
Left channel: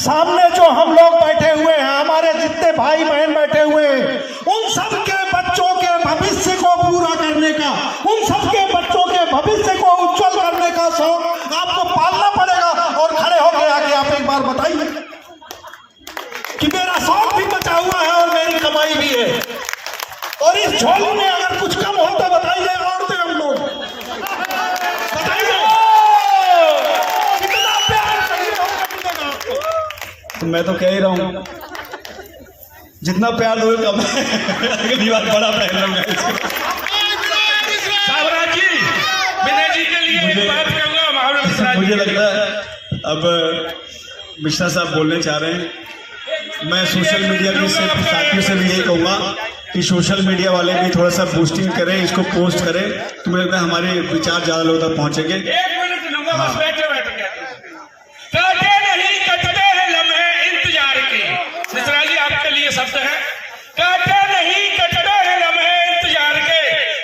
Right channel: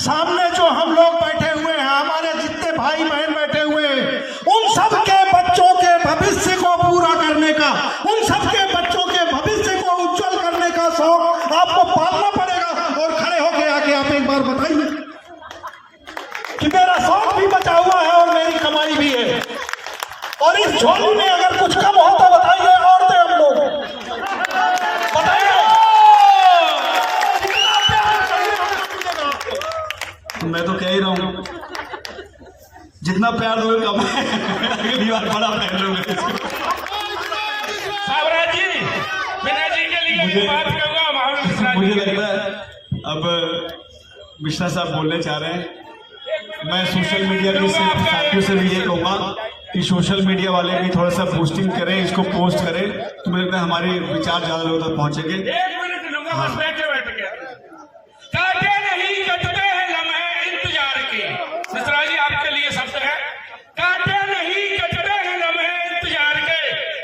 सामने जो हम लोग बैठे हुए हैं, हमारे जितने भाई बहन बैठे हुए हैं, उन सबके बच्चों के भविष्य को पूरा करने का, उन सबके बच्चों के भविष्य को उज्जवल करने का शौक आपको पालना पड़ेगा। और खड़े होके आके आप एक बार बताइए कि मेरा शौक भी बचा हुआ है और मेरी कमाई भी है। और इस झोली में अगर कुछ कम हो तो बताइए, और तो हम लोग बताइए कितना प्यार मिलेगा आपको। मैं तो कह ही रहा हूं, जितना प्यार दोगे कम है। अगली बार बड़ा प्यार दूंगा इसको। सावराज जी, विनय जी के लिए एक बात कहूंगा। महाराज मिश्रा जी, मुझे लगता है अब मिश्रा साहब बोलने चाह रहे हैं। मैं सोशल मीडिया के साथियों से भी ये कहूंगा कि सोशल मीडिया वाले भी थोड़ा सा बूस्टिंग करें, इसको पोस्ट करें, तो मुझे लगता है हमारे विचार ज्यादा लोगों तक पहुंचेंगे। 1 मिनट लूंगा बस, बैठे बैठे काटे नहीं कटते हैं लम्हे इंतजार के। मिश्रा जी आपके लिए शब्द है, काटे नहीं कटते हैं लम्हे इंतजार के,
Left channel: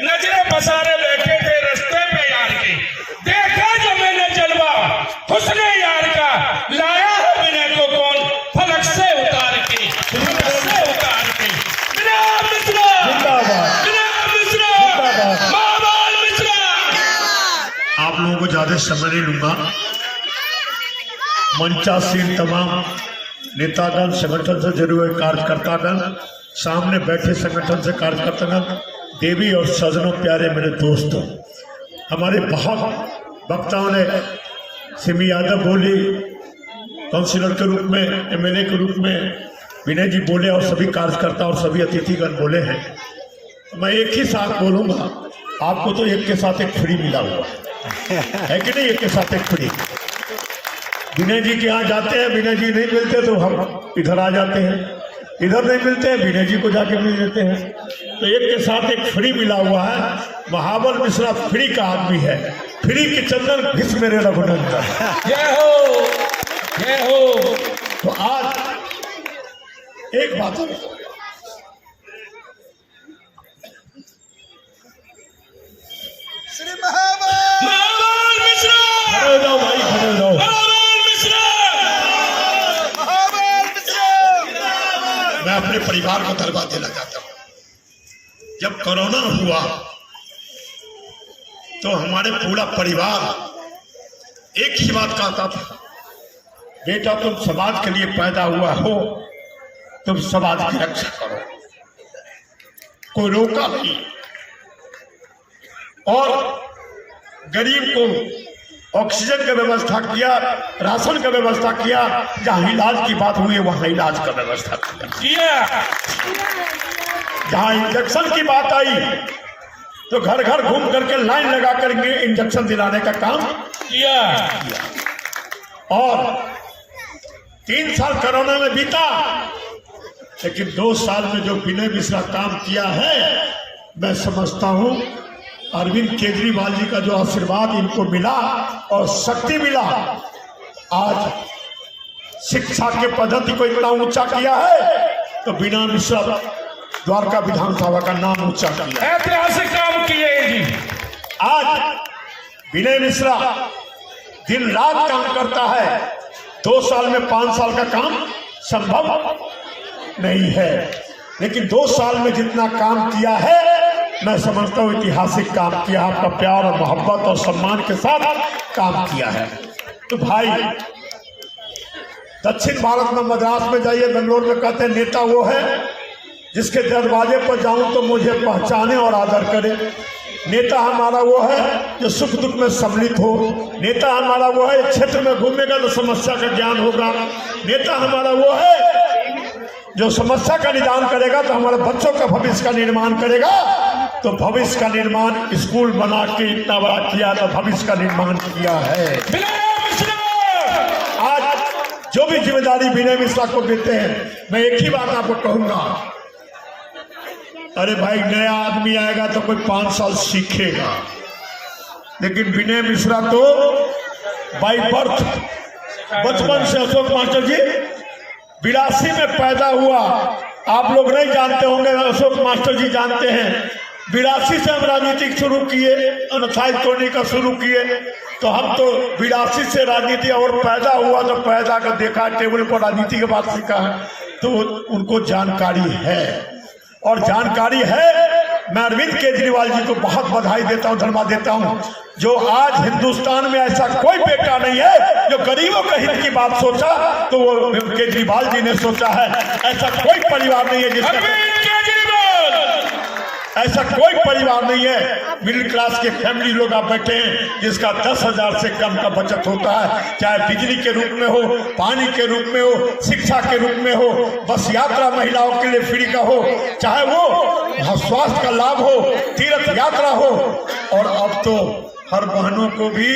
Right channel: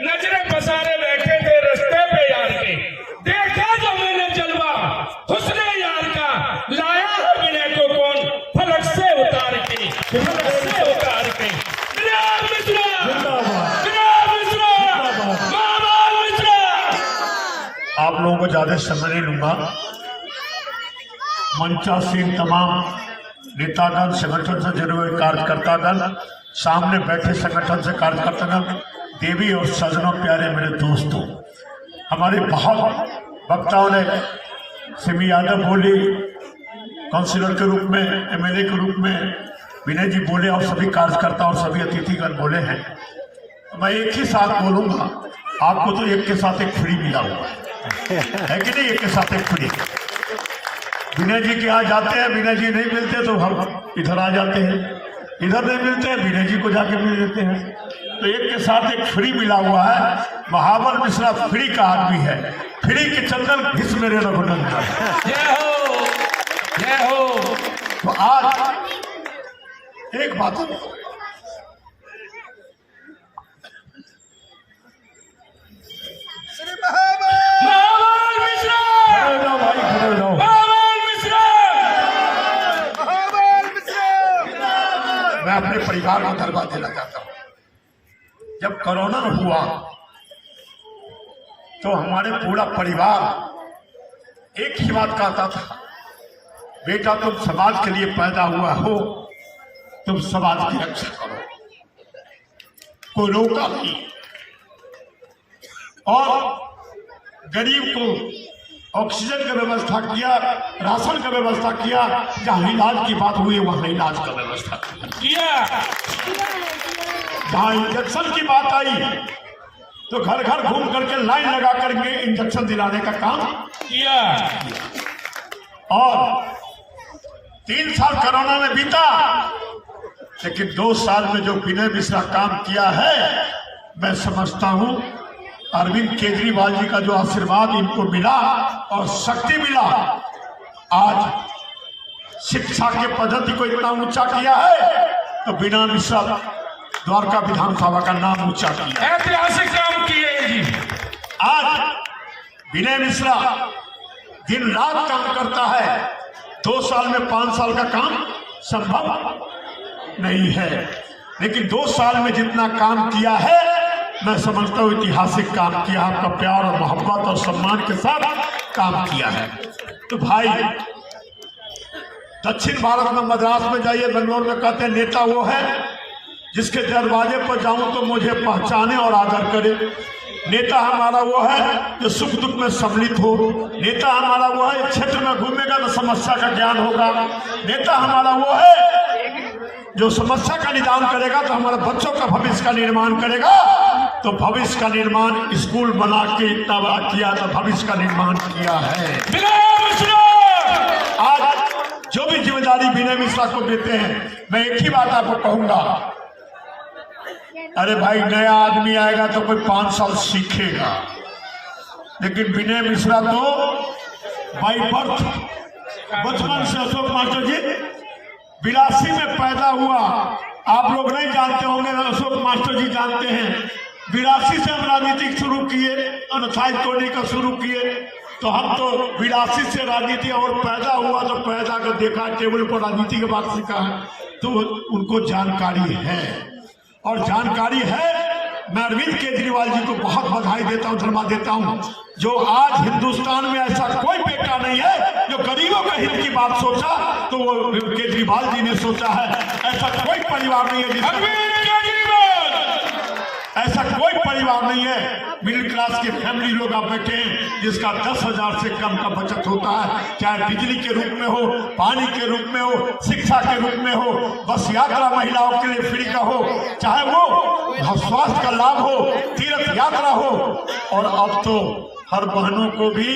नजरे पसारे बैठे थे रास्ते पे यार के, देखा जो मैंने जलवा हुस्ने यार का, लाया बिना को कौन फलक से उतार के, फलक से उतार के। जनाब मिश्रा, जनाब मिश्रा, महाबाल मिश्रा। आप लोगों को ज्यादा समय नहीं लूंगा। मंचासीन तमाम नेतागण, संगठन से जुड़े हुए कार्यकर्तागण, सामने बैठे संगठन से कार्यकर्तागण, देवी और सजनों, प्यारे मेरे दोस्तों, हमारे बहुत वक्ताओं ने, सिमी यादव बोली काउंसिलर के रूप में, एमएलए के रूप में, विनय जी बोले और सभी कार्यकर्ता और सभी अतिथिगण बोले हैं। मैं एक ही साथ बोलूंगा, आपको तो एक के साथ एक फ्री मिला हुआ है कि नहीं? एक के साथ एक फ्री। विनय जी के यहाँ जाते हैं, विनय जी नहीं मिलते तो हम इधर आ जाते हैं, इधर नहीं मिलते हैं विनय जी को जाके मिल लेते हैं। तो एक के साथ एक फ्री मिला हुआ है। महाबल मिश्रा फ्री का आदमी है, फ्री के चंदन घिस मेरे रघुनंदन। जय हो, जय हो। तो आज एक बात महाबाल मिश्रा, खड़े जाओ भाई, खड़े जाओ। महाबाल मिश्रा। मैं अपने परिवार को धन्यवाद देना चाहता हूँ। जब कोरोना हुआ तो हमारे पूरा परिवार एक ही बात कहता था, बेटा तुम समाज के लिए पैदा हुआ हो, तुम समाज की रक्षा करो। कोई रोका नहीं। और गरीब को ऑक्सीजन का व्यवस्था किया, राशन का व्यवस्था किया, जहां इलाज की बात हुई वहां इलाज का व्यवस्था किया। जहां इंजेक्शन की बात आई तो घर घर घूम करके लाइन लगा करके इंजेक्शन दिलाने का काम किया। और 3 साल कोरोना में बीता, लेकिन 2 साल में जो विनय मिश्रा काम किया है, मैं समझता हूं अरविंद केजरीवाल जी का जो आशीर्वाद इनको मिला और शक्ति मिला, आज शिक्षा के पद्धति को इतना ऊंचा किया है तो विनय मिश्रा द्वारका विधानसभा का नाम ऊंचा किया। ऐतिहासिक काम किए जी। आज विनय मिश्रा दिन रात काम करता है। 2 साल में 5 साल का काम संभव नहीं है, लेकिन 2 साल में जितना काम किया है, मैं समझता हूँ ऐतिहासिक काम किया। आपका प्यार और मोहब्बत और सम्मान के साथ काम किया है। तो भाई, दक्षिण भारत में मद्रास में जाइए, बेंगलोर में कहते हैं नेता वो है जिसके दरवाजे पर जाऊं तो मुझे पहचाने और आदर करे। नेता हमारा वो है जो सुख दुख में सम्मिलित हो। नेता हमारा वो है क्षेत्र में घूमेगा तो समस्या का ज्ञान होगा। नेता हमारा वो है जो समस्या का निदान करेगा तो हमारे बच्चों का भविष्य का निर्माण करेगा। तो भविष्य का निर्माण स्कूल बना के इतना बड़ा किया, तो भविष्य का निर्माण किया है। आज जो भी जिम्मेदारी विनय मिश्रा को देते हैं, मैं एक ही बात आपको कहूंगा, अरे भाई नया आदमी आएगा तो कोई 5 साल सीखेगा, लेकिन विनय मिश्रा तो बाई बर्थ, बचपन से अशोक मास्टर जी 82 में पैदा हुआ। आप लोग नहीं जानते होंगे, अशोक मास्टर जी जानते हैं। 82 से हम राजनीति शुरू किए, अनसाइज तोड़ने का शुरू किए, तो हम तो 82 से राजनीति, और पैदा हुआ तो पैदा कर देखा, टेबल पर राजनीति के बाद सीखा है, तो उनको जानकारी है। और जानकारी है। मैं अरविंद केजरीवाल जी को बहुत बधाई देता हूँ, धन्यवाद देता हूँ, जो आज हिंदुस्तान में ऐसा कोई बेटा नहीं है जो गरीबों के हित की बात सोचा, तो वो केजरीवाल जी ने सोचा है। ऐसा कोई परिवार नहीं है जिसका, ऐसा कोई परिवार नहीं है मिडिल क्लास के फैमिली लोग आप बैठे हैं जिसका 10,000 से कम का बचत होता है, चाहे बिजली के रूप में हो, पानी के रूप में हो, शिक्षा के रूप में हो, बस यात्रा महिलाओं के लिए फ्री का हो, चाहे वो स्वास्थ्य का लाभ हो, तीर्थ यात्रा हो। और अब तो हर बहनों को भी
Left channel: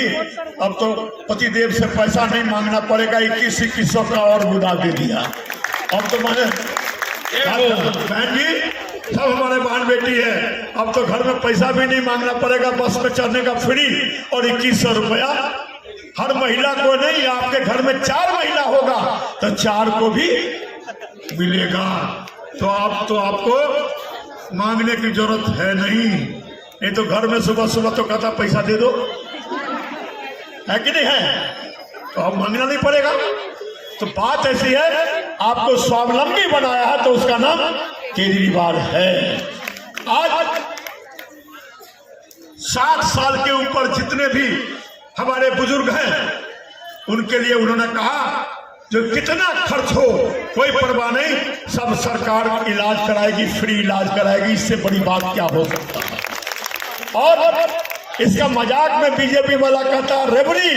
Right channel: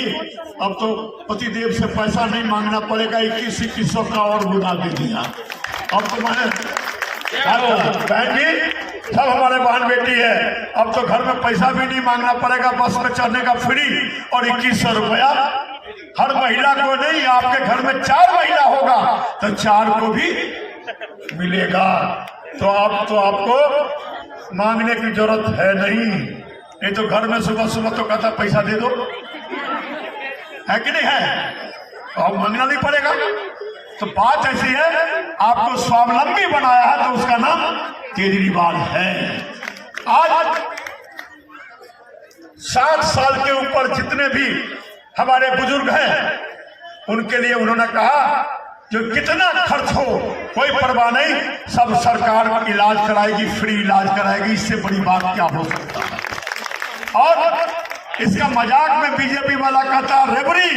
अब तो पतिदेव से पैसा नहीं मांगना पड़ेगा, 2100 का और बुदा दे दिया। अब तो मैंने बहन जी सब हमारे बहन बेटी है। अब तो घर में पैसा भी नहीं मांगना पड़ेगा, बस में चढ़ने का फ्री और 2100 रुपया हर महिला को नहीं। आपके घर में 4 महिला होगा तो 4 को भी मिलेगा। तो अब तो आपको मांगने की जरूरत है नहीं। ये तो घर में सुबह सुबह तो कहता पैसा दे दो, है कि नहीं है? तो अब मांगना नहीं पड़ेगा। तो बात ऐसी है, आपको स्वावलंबी बनाया है तो उसका नाम केजरीवाल है। आज 60 साल के ऊपर जितने भी हमारे बुजुर्ग हैं उनके लिए उन्होंने कहा जो कितना खर्च हो कोई परवाह नहीं, सब सरकार इलाज कराएगी, फ्री इलाज कराएगी। इससे बड़ी बात क्या हो सकता है? और इसका मजाक में बीजेपी वाला कहता है रेबड़ी,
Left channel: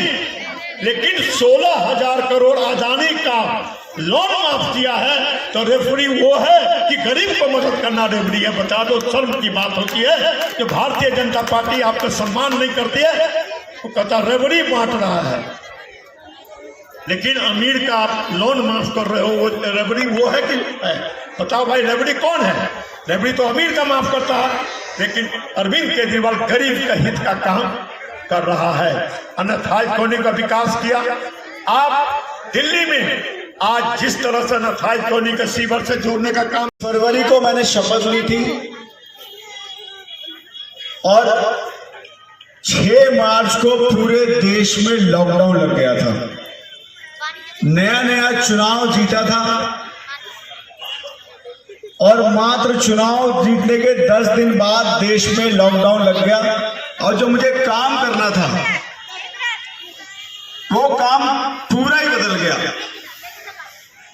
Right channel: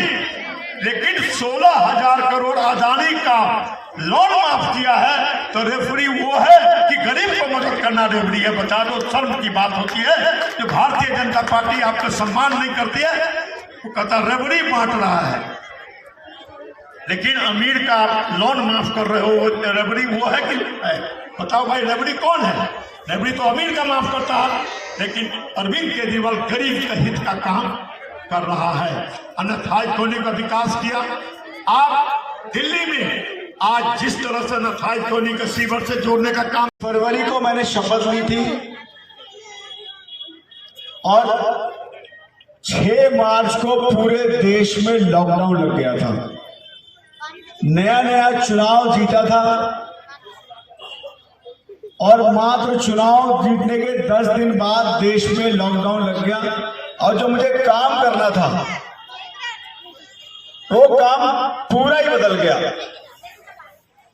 लेकिन 16,000 करोड़ अदानी का लोन माफ किया है तो रेफरी वो है कि गरीब को मदद करना रेफरी है। बता दो, शर्म की बात होती है कि भारतीय जनता पार्टी आपका सम्मान नहीं करती है। वो कहता रेफरी बांट रहा है, लेकिन अमीर का आप लोन माफ कर रहे हो, वो रेफरी वो है कि बताओ भाई, रेफरी कौन है? रेफरी तो अमीर का माफ करता है, लेकिन अरविंद केजरीवाल गरीब का हित का काम कर रहा है। अनाथाई कॉलोनी का विकास किया। आप दिल्ली में आज जिस तरह से अनाथाई कॉलोनी के सीवर से जोड़ने का काम, फरवरी को मैंने शपथ ली थी और 6 मार्च को पूरे देश में लॉकडाउन लग गया था। नया नया चुनाव जीता था और मात्र चुनाव जीतने के 10 दिन बाद देश में लॉकडाउन लग गया। और जो मुझे काम करना था वो काम पूरा ही बदल गया।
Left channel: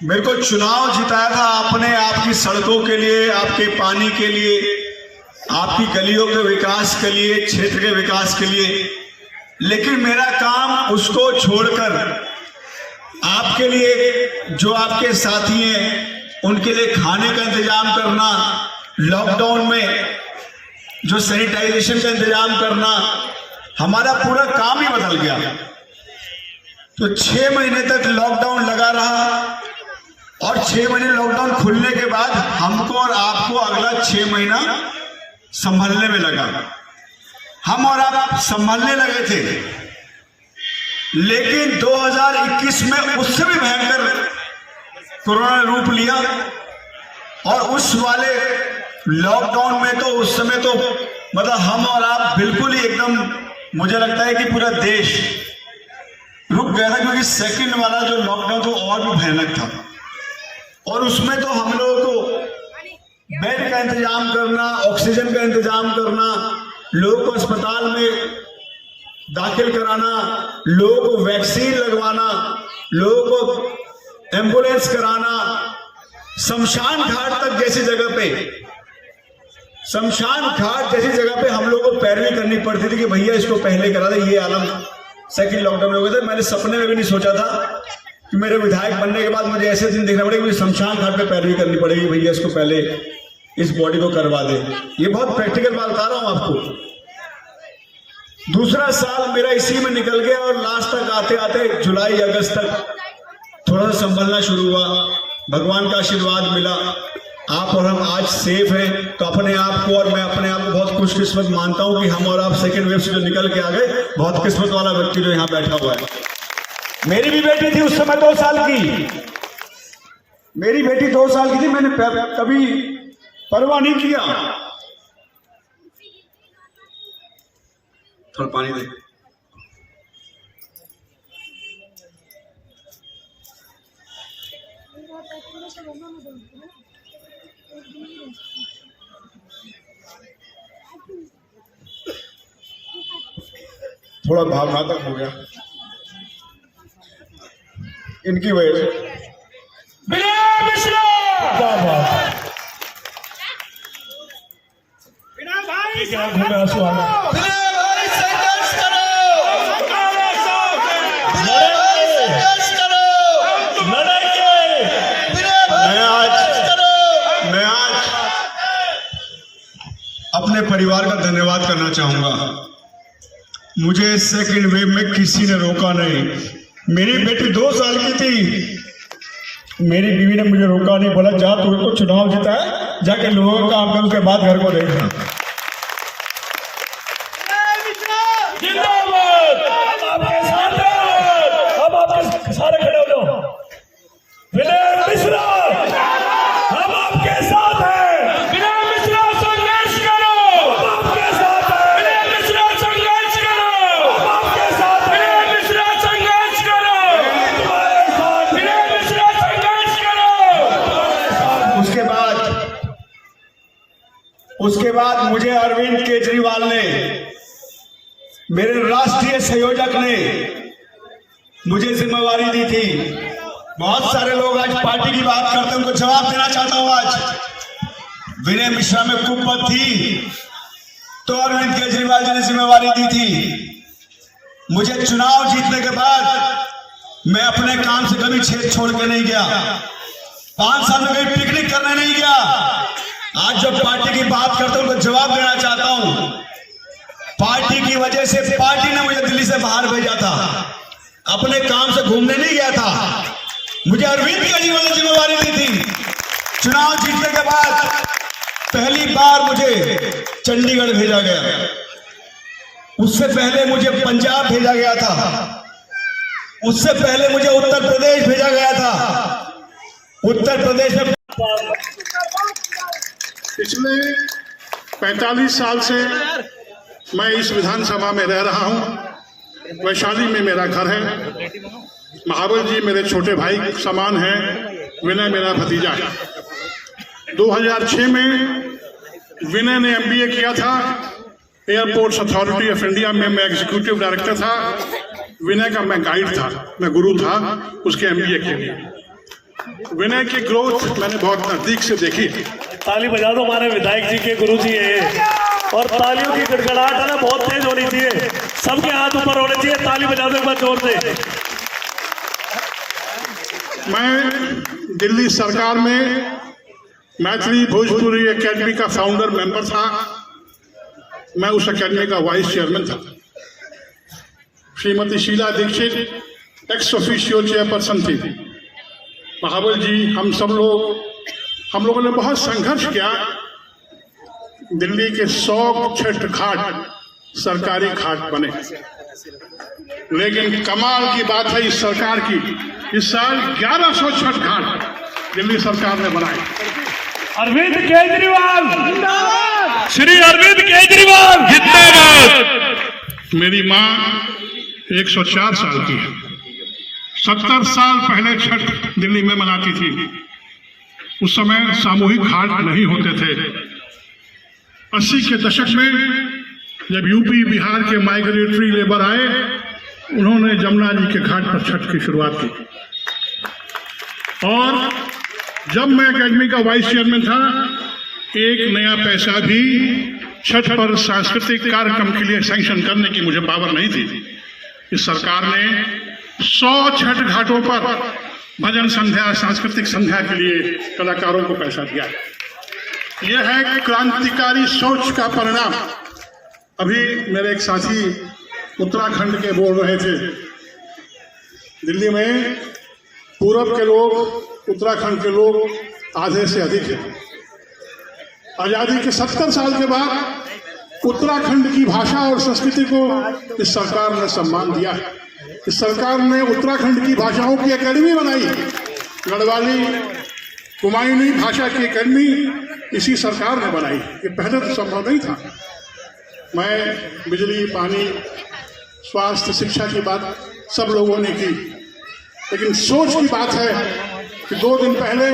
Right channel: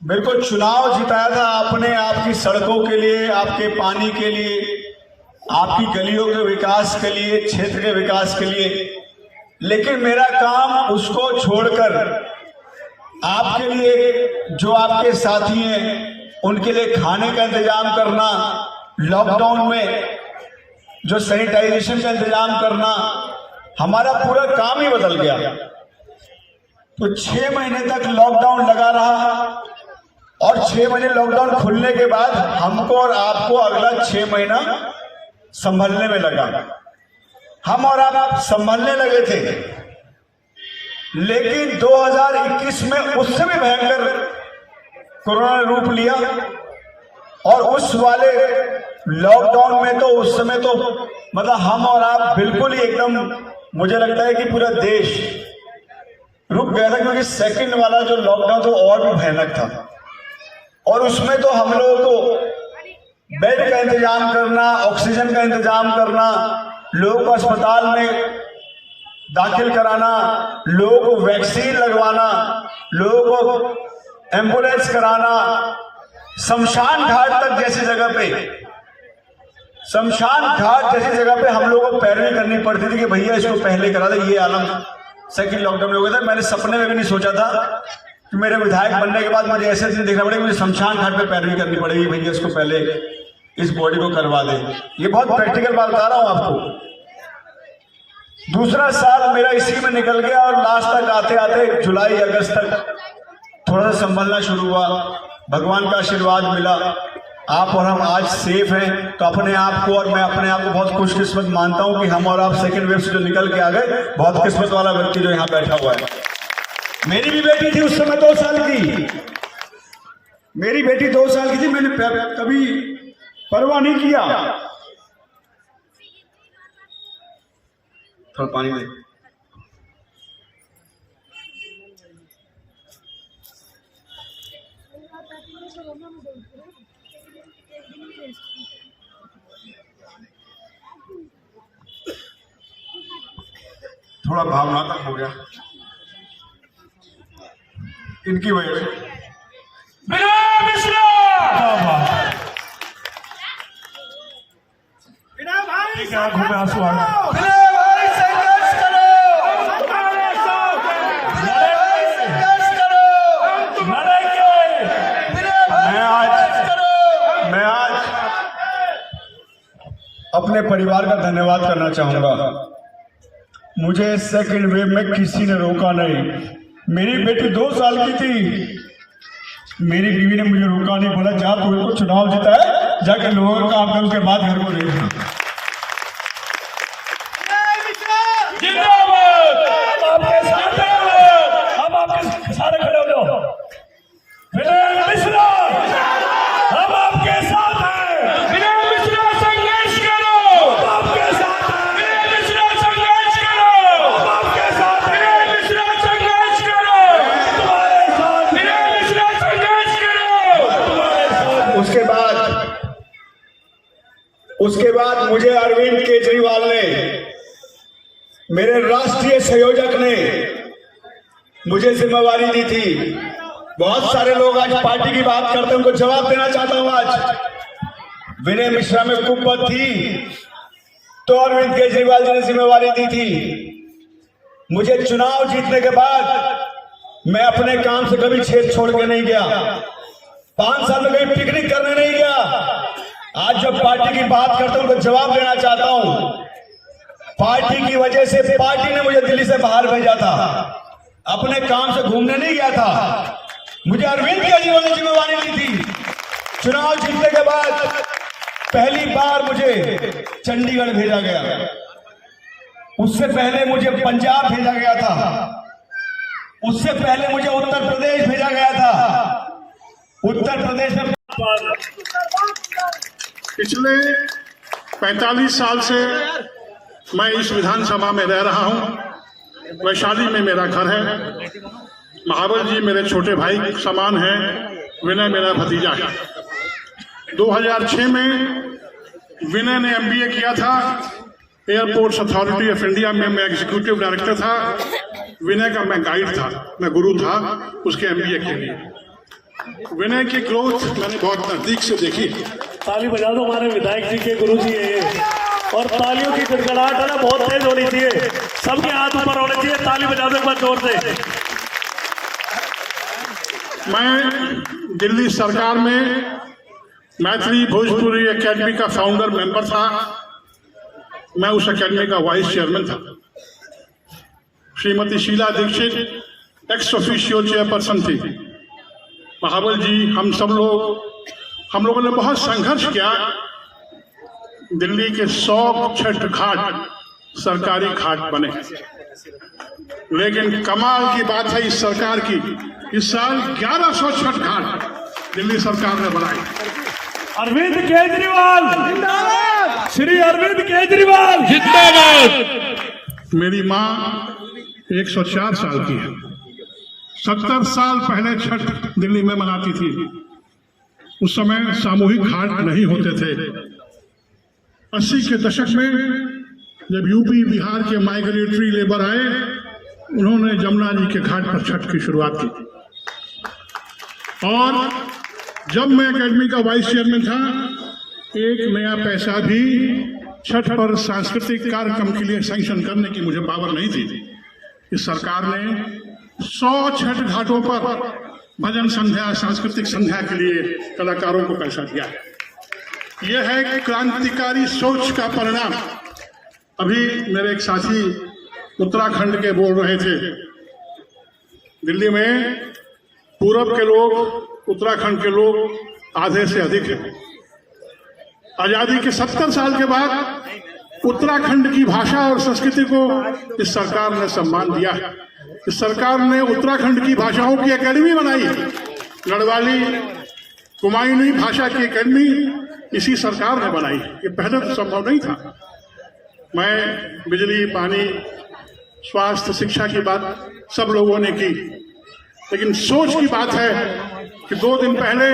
मेरे को चुनाव जिताया था अपने आपकी सड़कों के लिए, आपके पानी के लिए, आपकी गलियों के विकास के लिए, क्षेत्र के विकास के लिए, लेकिन मेरा काम उसको छोड़कर आपके लिए, जो आपके साथी हैं उनके लिए खाने का इंतजाम करना, लॉकडाउन में जो सैनिटाइजेशन का इंतजाम करना, हमारा पूरा काम ही बदल गया। तो 6 महीने तक लॉकडाउन लगा रहा और 6 महीने लॉकडाउन खुलने के बाद हमको और आपको अगला 6 महीना संभलने में लगा। हम और आप संभलने लगे थे, लेकिन 2021 में उससे भी भयंकर कोरोना ने रूप लिया और उस वाले लॉकडाउन में तो उस समय तो मतलब हम और आप बिल्कुल ही एकदम, मुझे लगता है कि पूरा देश रुक गया था, क्योंकि सेकंड वाला जो लॉकडाउन तो और भी भयानक था। और उसमें तो हम लोगों को बेड का इंतजाम करना, ऑक्सीजन का इंतजाम करना, लोगों को अस्पताल में दाखिल कराना, लोगों को वैक्सीन लगवाना, लोगों को एम्बुलेंस कराना, शमशान घाट तक जैसी जगह पे, शमशान घाट जैसी जगह पे हम लोगों को पैरवी करनी पड़ती थी कि भैया इसको पहले करा दे। ये आलम सेकंड लॉकडाउन में हो गया था। मैंने सपने में भी नहीं सोचा था कि मेरे विधायक बनने के बाद मुझे ऐसे दिन देखना पड़ेगा, मुझे शमशान घाट पे पैरवी करनी पड़ेगी, भैया इसको पहले इस बॉडी को करवा दे। ये बहुत प्रैक्टिकल बात बता रहा हूं आपको। दूसरा साल मेरा इसी में निकल गया और लास्ट तक आते आते जुलाई अगस्त तक थोड़ा सा संभलना शुरू हुआ। भगवान का आशीर्वाद मिला, आप और हम आज सेफ हैं। तो अपने आप को और मैं अपने आप को बहुत खुशकिस्मत मानता हूं कि हम और आप सेकेंड वेव से जो निकल के आ गए। बहुत किस्मत वाला व्यक्ति जो यहाँ बैठा हुआ है। मेरी भी बेटी थी उस समय 2 साल की, मेरी बेटी 2 साल की थी, मैंने कभी परवाह नहीं किया। थोड़ा पानी दे। थोड़ा भावनात्मक हो गया इनकी वजह से। आंखों में आंसू आ रहे हैं। मैं आज अपने परिवार का धन्यवाद करना चाहूंगा। मुझे सेकंड वेव में किसी ने रोका नहीं। मेरी बेटी 2 साल की थी, मेरी बीवी ने मुझे रोका नहीं, बोला जा तू को चुनाव जीता है जाके लोगों का काम कर, उसके बाद घर को देखना। जिंदाबाद, हम आपके साथ हैं, हम आपके सारे खड़े हो जाओ। विनय मिश्रा, हम आपके साथ हैं। विनय मिश्रा संघर्ष करो, हम आपके साथ हैं। विनय मिश्रा संघर्ष करो, हम आपके साथ हैं। विनय मिश्रा संघर्ष करो, तुम्हारे साथ हैं। विनय मिश्रा संघर्ष करो। तुम्हारे साथ हैं। उसके बाद मुझे अरविंद केजरीवाल ने, मेरे राष्ट्रीय संयोजक ने मुझे जिम्मेवारी दी थी। बहुत सारे लोग आज पार्टी की बात करते हैं, उनको जवाब देना चाहता हूं। आज विनय मिश्रा में कुपत थी तो अरविंद केजरीवाल जी ने जिम्मेवारी दी थी। मुझे चुनाव जीतने के बाद मैं अपने काम से कभी छेद छोड़ के नहीं गया। 5 साल में कहीं पिकनिक करने नहीं गया। आज जो पार्टी की बात करता हूं उनको जवाब देना चाहता हूं। पार्टी की वजह से पार्टी ने मुझे दिल्ली से बाहर भेजा था, अपने काम से घूमने नहीं गया था। मुझे अरविंद केजरीवाल ने जिम्मेवारी दी थी। चुनाव जीतने के बाद पहली बार मुझे चंडीगढ़ भेजा गया, उससे पहले मुझे पंजाब भेजा गया था, उससे पहले मुझे उत्तर प्रदेश भेजा गया था। उत्तर प्रदेश में पिछले 45 साल से मैं इस विधानसभा में रह रहा हूं। वैशाली में मेरा घर है। महाबल जी मेरे छोटे भाई के समान हैं, विनय मेरा भतीजा है। 2006 में विनय ने MBA किया था एयरपोर्ट्स अथॉरिटी ऑफ इंडिया में। मैं एग्जीक्यूटिव डायरेक्टर था। विनय का मैं गाइड था, मैं गुरु था उसके MBA के लिए। विनय की ग्रोथ मैंने बहुत नजदीक से देखी। ताली बजा दो, हमारे विधायक जी के गुरु जी है। और तालियों की गड़गड़ाहट है ना बहुत तेज होनी चाहिए, सबके हाथ ऊपर होने चाहिए। ताली बजा दो एक बार जोर से। मैं दिल्ली सरकार में मैथिली भोजपुरी एकेडमी का फाउंडर मेंबर था। मैं उस एकेडमी का वाइस चेयरमैन था। Shrimati Sheila Dikshit ex officio chairperson थी। महाबल जी, हम लोगों ने बहुत संघर्ष किया। दिल्ली के 100 छठ घाट सरकारी घाट बने। लेकिन कमाल की बात है इस सरकार की, इस साल 1100 छठ घाट दिल्ली सरकार ने बनाए। अरविंद केजरीवाल जिंदाबाद, श्री अरविंद केजरीवाल जिंदाबाद। मेरी माँ 104 साल की है। 70 साल पहले छठ दिल्ली में मनाती थी। उस समय सामूहिक घाट नहीं होते थे। 80 के दशक में जब यूपी बिहार के माइग्रेटरी लेबर आए, उन्होंने जमुना जी के घाट पर छठ की शुरुआत की। और जब मैं एकेडमी का वाइस चेयरमैन था, एक नया पैसा भी छठ पर सांस्कृतिक कार्यक्रम के लिए सैंक्शन करने की मुझे पावर नहीं थी। इस सरकार ने 100 छठ घाटों पर भजन संध्या, सांस्कृतिक संध्या के लिए कलाकारों को पैसा दिया। यह है क्रांतिकारी सोच का परिणाम। अभी मेरे एक साथी उत्तराखंड के बोल रहे थे, दिल्ली में पूरब के लोग, उत्तराखंड के लोग आधे से अधिक हैं। आजादी के 70 साल के बाद उत्तराखंड की भाषा और संस्कृति को इस सरकार ने सम्मान दिया। इस सरकार ने उत्तराखंड की भाषाओं की एकेडमी बनाई। गढ़वाली, कुमायूनी भाषा की एकेडमी इसी सरकार ने बनाई। ये पहले तो संभव नहीं था। मैं बिजली, पानी, स्वास्थ्य, शिक्षा की बात सब लोगों ने की, लेकिन सोच की बात है कि 2 दिन पहले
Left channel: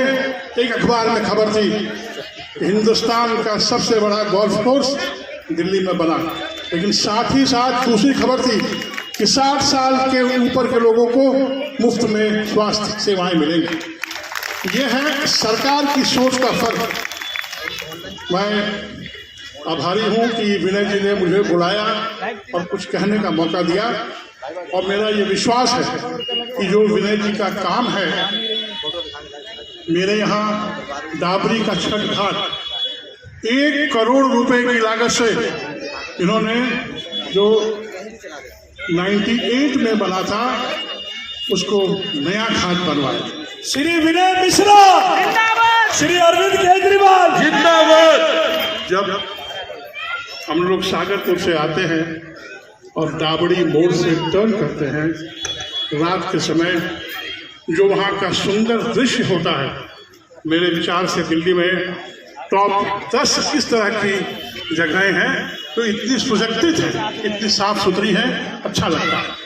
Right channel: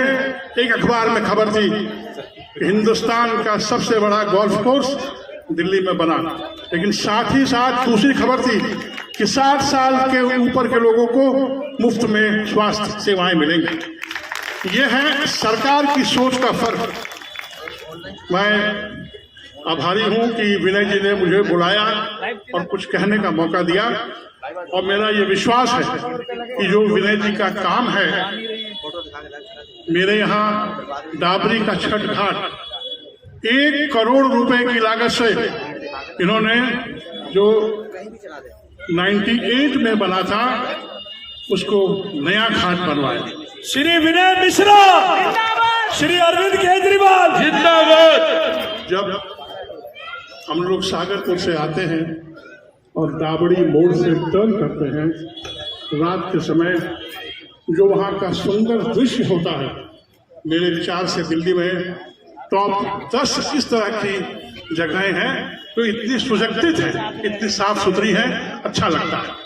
एक अखबार में खबर थी कि हिंदुस्तान का सबसे बड़ा गोल्फ कोर्स दिल्ली में बना, लेकिन साथ ही साथ दूसरी खबर थी कि 60 साल के ऊपर के लोगों को मुफ्त में स्वास्थ्य सेवाएं मिलेंगी। यह है सरकार की सोच का फर्क। मैं आभारी हूं कि विनय जी ने मुझे बुलाया और कुछ कहने का मौका दिया, और मेरा ये विश्वास है कि जो विनय जी का काम है, मेरे यहाँ डाबरी का छठ घाट 1 करोड़ रुपए की लागत से इन्होंने जो 98 में बना था उसको नया घाट बनवाया। श्री विनय मिश्रा, श्री अरविंद केजरीवाल जिंदाबाद। जब हम लोग सागरपुर से आते हैं और दाबड़ी मोड़ से टर्न करते हैं, रात के समय जो वहाँ का सुंदर दृश्य होता है, मेरे विचार से दिल्ली में टॉप 10 इस तरह की जगहें हैं तो इतनी सुसज्जित है, इतनी साफ सुथरी है, अच्छा लगता है।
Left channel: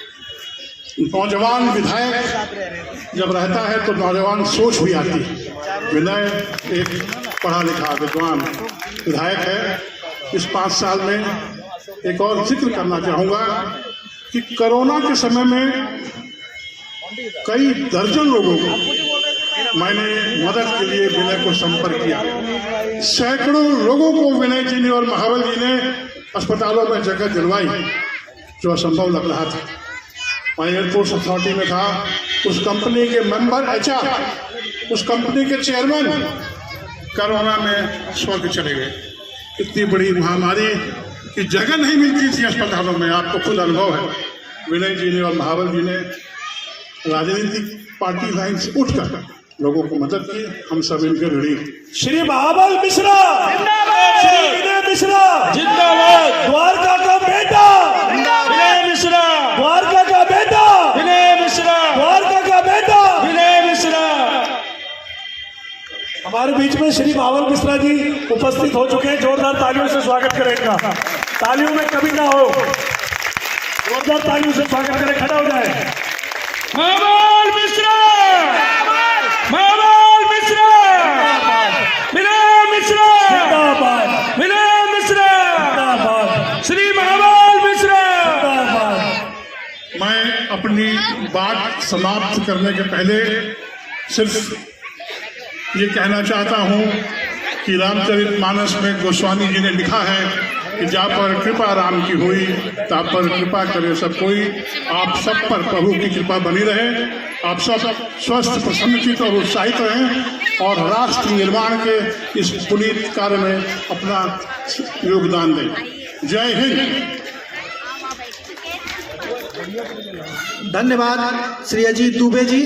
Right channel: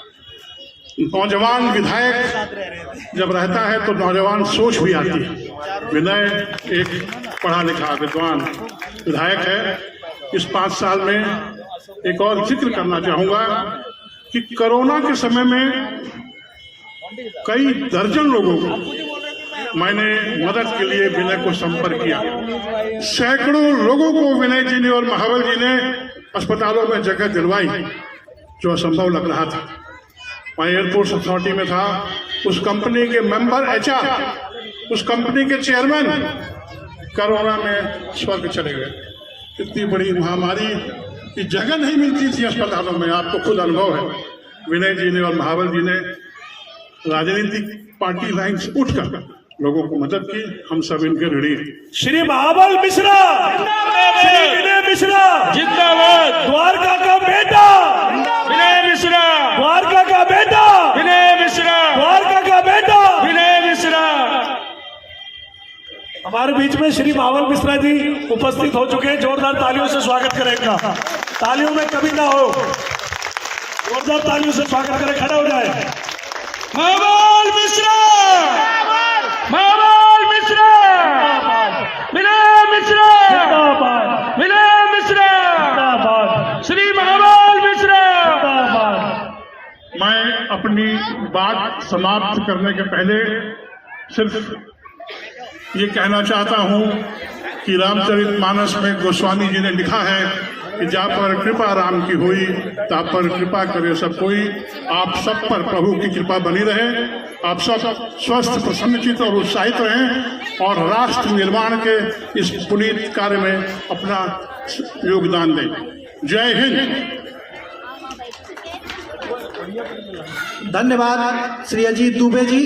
नौजवान विधायक जब रहता है तो नौजवान सोच भी आती है। विनय एक पढ़ा लिखा विद्वान विधायक है। इस 5 साल में एक और जिक्र करना चाहूँगा कि कोरोना के समय में कई दर्जन लोगों को मैंने मदद के लिए विनय को संपर्क किया। सैकड़ों लोगों को विनय जी ने और महाबल जी ने अस्पतालों में जगह दिलवाई, जो असंभव लग रहा था। मैं एयरपोर्ट अथॉरिटी में था, उस कंपनी के मेंबर HR, उस कंपनी के चेयरमैन कोरोना में स्वर्ग चले गए। इतनी बड़ी महामारी की जगह नहीं मिलती थी अस्पतालों में, आपको खुद अनुभव है। विनय जी ने और महाबल जी ने राजनीतिक पार्टी लाइन से उठकर लोगों को मदद की। हम सब इनके ऋणी। श्री महाबल मिश्रा, श्री विनय मिश्रा जिंदाबाद। द्वारका का बेटा, विनय मिश्रा, द्वारका का बेटा, विनय मिश्रा, द्वारका का बेटा। विनय मिश्रा। हमारे बीच में श्री महाबल मिश्रा जी उपस्थित हो चुके हैं। जोरदार तालियों से स्वागत करेंगे। तालियों में कभी ना हो, जोरदार तालियों से स्वागत करें। खड़ा हो जाए। महाबल मिश्रा, महाबल मिश्रा, विनय मिश्रा, जिंदाबाद, विनय मिश्रा, जिंदाबाद, श्री महाबल मिश्रा। जिंदाबाद। मैं अपनी बात समाप्त करने के पहले सिर्फ ये कहना चाहता हूँ कि रामचरितमानस में गोस्वामी जी ने लिखा है कि जा पर कृपा राम की हुई, ता पर कृपा करे सब कोई। आप सब पर प्रभु की कृपा बनी रहे। आप सब स्वस्थ, प्रसन्नचित और उत्साहित रहें और राष्ट्र निर्माण के इस पुनीत कार्य में अपना योगदान दें। जय हिंद। धन्यवाद श्री अजीत दुबे जी।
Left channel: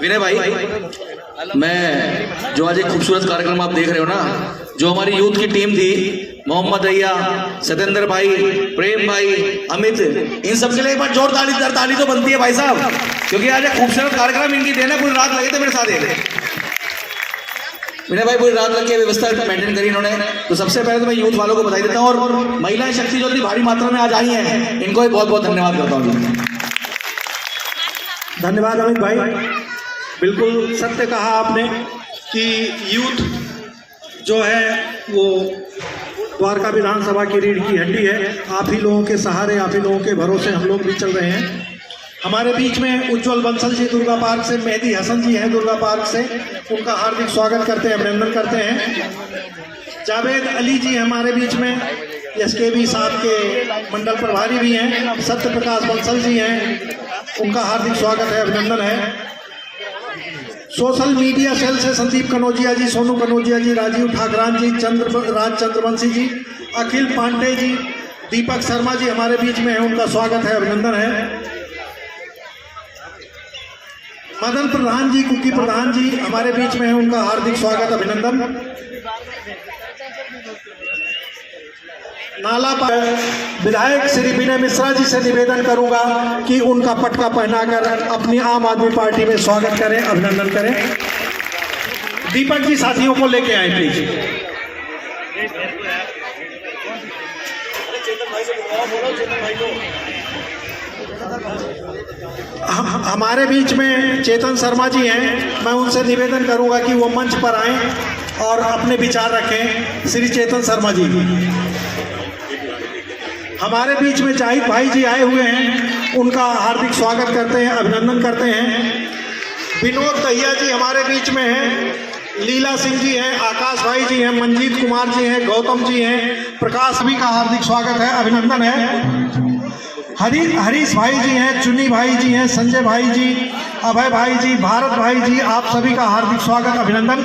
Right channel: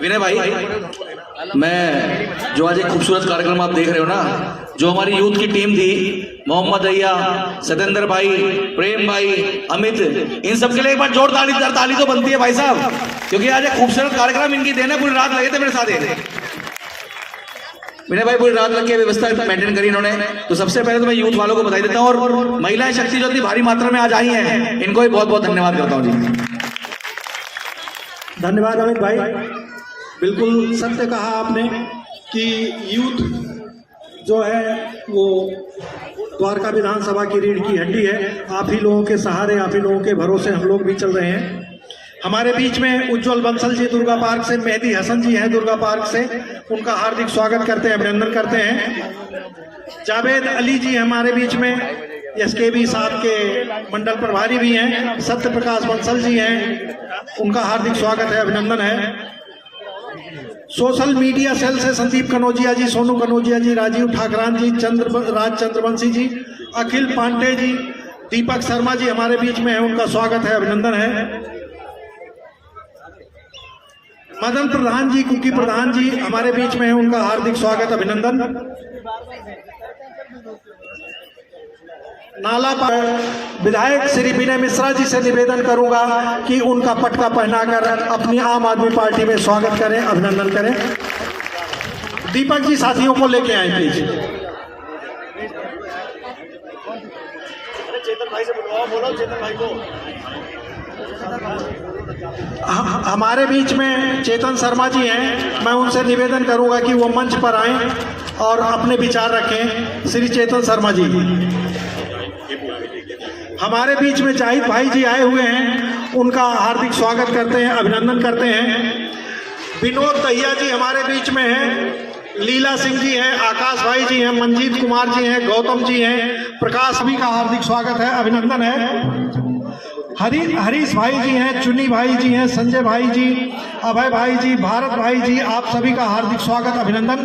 विनय भाई, मैं जो आज एक खूबसूरत कार्यक्रम आप देख रहे हो ना, जो हमारी यूथ की टीम थी, मोहम्मद अय्या, सतेंद्र भाई, प्रेम भाई, अमित, इन सब के लिए एक बार जोरदार ताली तो बनती है भाई साहब, क्योंकि आज एक खूबसूरत कार्यक्रम इनकी देना। पूरी रात लगे थे मेरे साथ। विनय भाई पूरी रात लग के व्यवस्था मेंटेन करी इन्होंने। तो सबसे पहले तो मैं यूथ वालों को बधाई देता हूँ, और महिलाएं शक्ति जो इतनी भारी मात्रा में आज आई हैं, इनको भी बहुत बहुत धन्यवाद करता हूँ जी। धन्यवाद अमित भाई। बिल्कुल सत्य कहा आपने कि यूथ जो है वो द्वारका विधानसभा की रीढ़ की हड्डी है। आप ही लोगों के सहारे, आप ही लोगों के भरोसे हम लोग भी चल रहे हैं। हमारे बीच में उज्जवल बंसल जी दुर्गा पार्क से, मेहदी हसन जी हैं दुर्गा पार्क से, उनका हार्दिक स्वागत करते हैं, अभिनंदन करते हैं। जावेद अली जी हमारे बीच में, SKB साहब के मंडल प्रभारी भी हैं। सत्य प्रकाश बंसल जी हैं, उनका हार्दिक स्वागत है, अभिनंदन है। सोशल मीडिया सेल से संदीप कनौजिया जी, सोनू कनौजिया जी, राजीव ठाकरान जी, राज चंद्रवंशी जी, अखिल पांडे जी, दीपक शर्मा जी हमारे बीच में है, उनका स्वागत है, अभिनंदन है। मदन प्रधान जी, कुकी प्रधान जी हमारे बीच में है, उनका हार्दिक स्वागत, अभिनंदन। नाला विधायक श्री विनय मिश्रा जी से निवेदन करूंगा कि उनका पटका पहनाकर अपनी आम आदमी पार्टी में स्वागत करें, अभिनंदन करें। दीपक जी साथियों को लेके आए प्लीज। हमारे बीच में चेतन शर्मा जी हैं, मैं उनसे निवेदन करूंगा कि वो मंच पर आएं और अपने विचार रखें। श्री चेतन शर्मा जी। हमारे बीच में जाहिद भाई जी आए हुए हैं, उनका हार्दिक स्वागत करते हैं, अभिनंदन करते हैं। विनोद दहिया जी हमारे बीच में हैं, लीला सिंह जी हैं, आकाश भाई जी हैं, मंजीत कुमार जी हैं, गौतम जी हैं, प्रकाश भी का हार्दिक स्वागत है, अभिनंदन है। हरीश भाई जी हैं, चुनी भाई जी हैं, संजय भाई जी, अभय भाई जी, भारत भाई जी, आप सभी का हार्दिक स्वागत, अभिनंदन।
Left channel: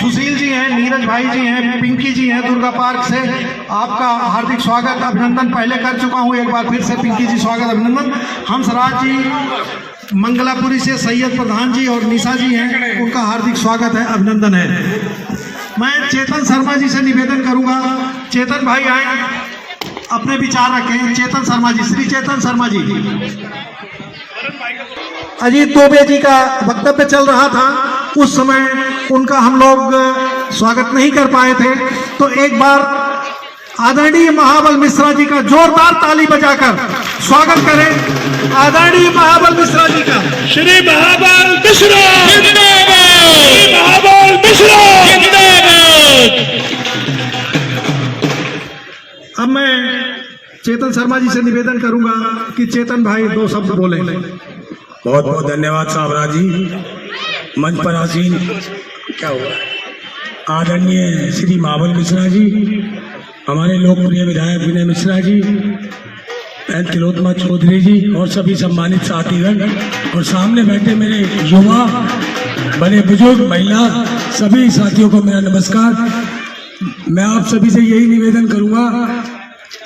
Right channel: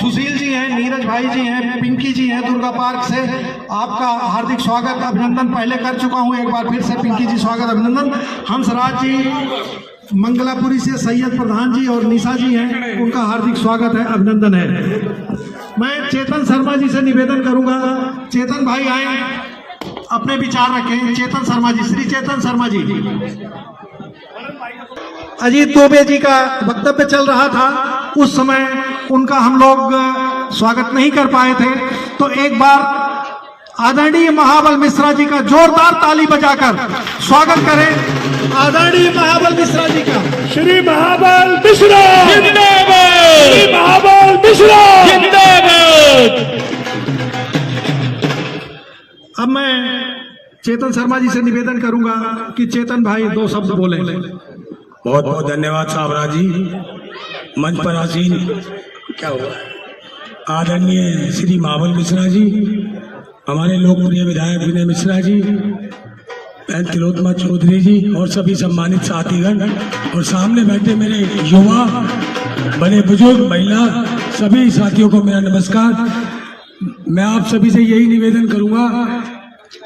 सुशील जी हैं, नीरज भाई जी हैं, पिंकी जी हैं दुर्गा पार्क से, आपका हार्दिक स्वागत, अभिनंदन पहले कर चुका हूं, एक बार फिर से पिंकी जी स्वागत, अभिनंदन। हंसराज जी मंगलापुरी से, सैयद प्रधान जी और निशा जी हैं, उनका हार्दिक स्वागत है, अभिनंदन है। मैं चेतन शर्मा जी से निवेदन करूंगा, चेतन भाई आए, अपने विचार रखें। चेतन शर्मा जी, श्री चेतन शर्मा जी। अजीत दोबे जी का वक्तव्य चल रहा था, उस समय उनका हम लोग स्वागत नहीं कर पाए थे, तो एक बार आदरणीय महाबल मिश्रा जी का जोरदार ताली बजाकर स्वागत करें। आदरणीय महाबल मिश्रा जी का। श्री महाबल मिश्रा जिंदाबाद, श्री महाबल मिश्रा जिंदाबाद। अब मैं चेतन शर्मा जी से निवेदन करूंगा कि चेतन भाई 2 शब्द बोले। बहुत बहुत धन्यवाद साबरा जी। मंच पर आसीन क्या हुआ आदरणीय श्री महाबल मिश्रा जी, हमारे लोकप्रिय विधायक विनय मिश्रा जी, तिलोत्तमा चौधरी जी और सभी सम्मानित साथीगण, और सामने बैठे मेरे युवा, बड़े बुजुर्ग, महिला, सभी साथियों को मेरा नमस्कार। मैं आप सभी से यही निवेदन करूंगा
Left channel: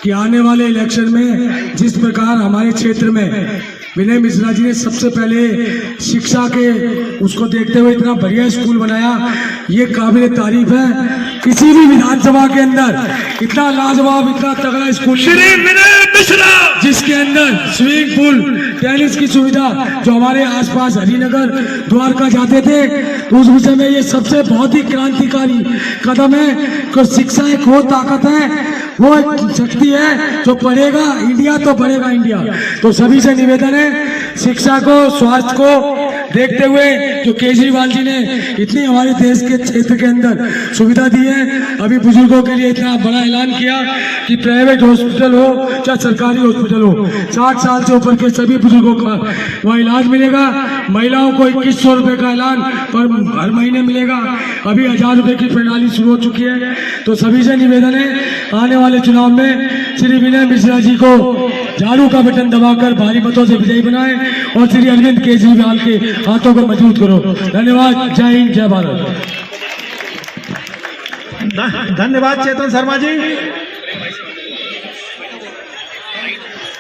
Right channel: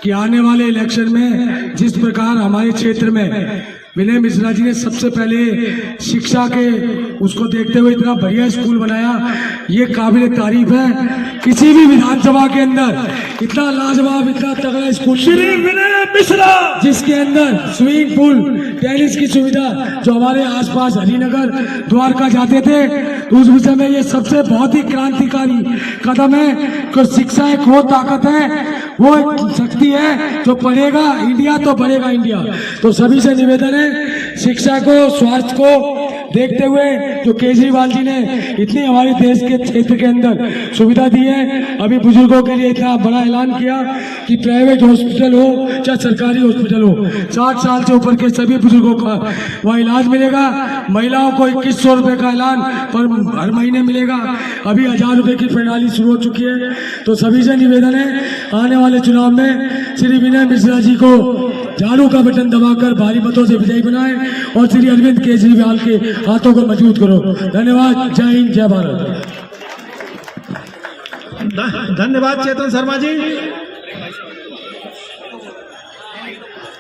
कि आने वाले इलेक्शन में जिस प्रकार हमारे क्षेत्र में विनय मिश्रा जी ने सबसे पहले शिक्षा के उसको देखते हुए इतना बढ़िया स्कूल बनाया, ये काबिल तारीफ है। किसी भी विधानसभा के अंदर इतना लाजवाब, इतना तगड़ा स्कूल श्री विनय मिश्रा, जिसके अंदर स्विमिंग पूल, टेनिस की सुविधा, जो हमारे आसपास हरिनगर, द्वारका जाते थे, तो उस विषय में ये सबसे बहुत ही क्रांतिकारी कदम है। कि शिक्षा एक वो ताकत है, वो एक शक्ति है, जो बढ़ेगा इंडिया तो बढ़ेगा इंडिया। तो सभी से निवेदन है, शिक्षा को, स्वास्थ्य को देखते हुए जो केजरीवाल जी ने इतनी हमारे देश के क्षेत्र के अंदर सुविधा दी है, अभी बुजुर्गों के लिए इतना बड़ा ऐलान किया कि प्राइवेट हॉस्पिटल हो चाहे सरकारी हॉस्पिटल हो, 60 साल से ऊपर के सभी बुजुर्गों का वह इलाज मिलेगा। महिलाओं को 2100 रुपये का ऐलान पर हर महीने मिलेगा। अभी 1000 रुपये की प्रणाली शुरू हो चुकी है। तो सभी से निवेदन है, आने वाले चुनाव में श्री विनय मिश्रा जी को झाड़ू का बटन दबाकर भारी मतों से विजयी बनाए और श्री अरविंद केजरीवाल के हाथों को मजबूत करो। धन्यवाद। जय हिंद, जय भारत। धन्यवाद चेतन शर्मा जी।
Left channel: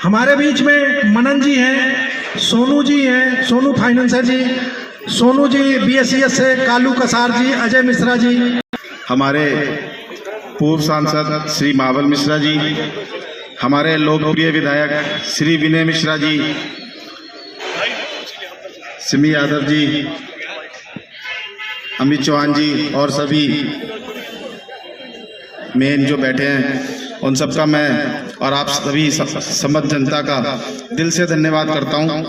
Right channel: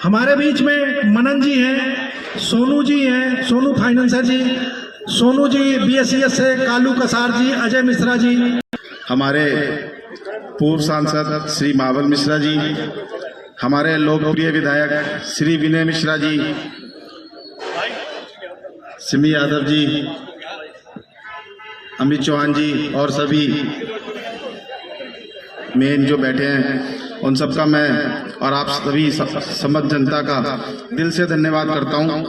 हमारे बीच में मनन जी हैं, सोनू जी हैं, सोनू फाइनेंसर जी, सोनू जी BSES से, कालू कसार जी, अजय मिश्रा जी, हमारे पूर्व सांसद श्री महाबल मिश्रा जी, हमारे लोकप्रिय विधायक श्री विनय मिश्रा जी, सिमी यादव जी, अमित चौहान जी और सभी मेन जो बैठे हैं, उन सबका मैं और आप सभी समझ जनता का दिल से धन्यवाद करता हूं।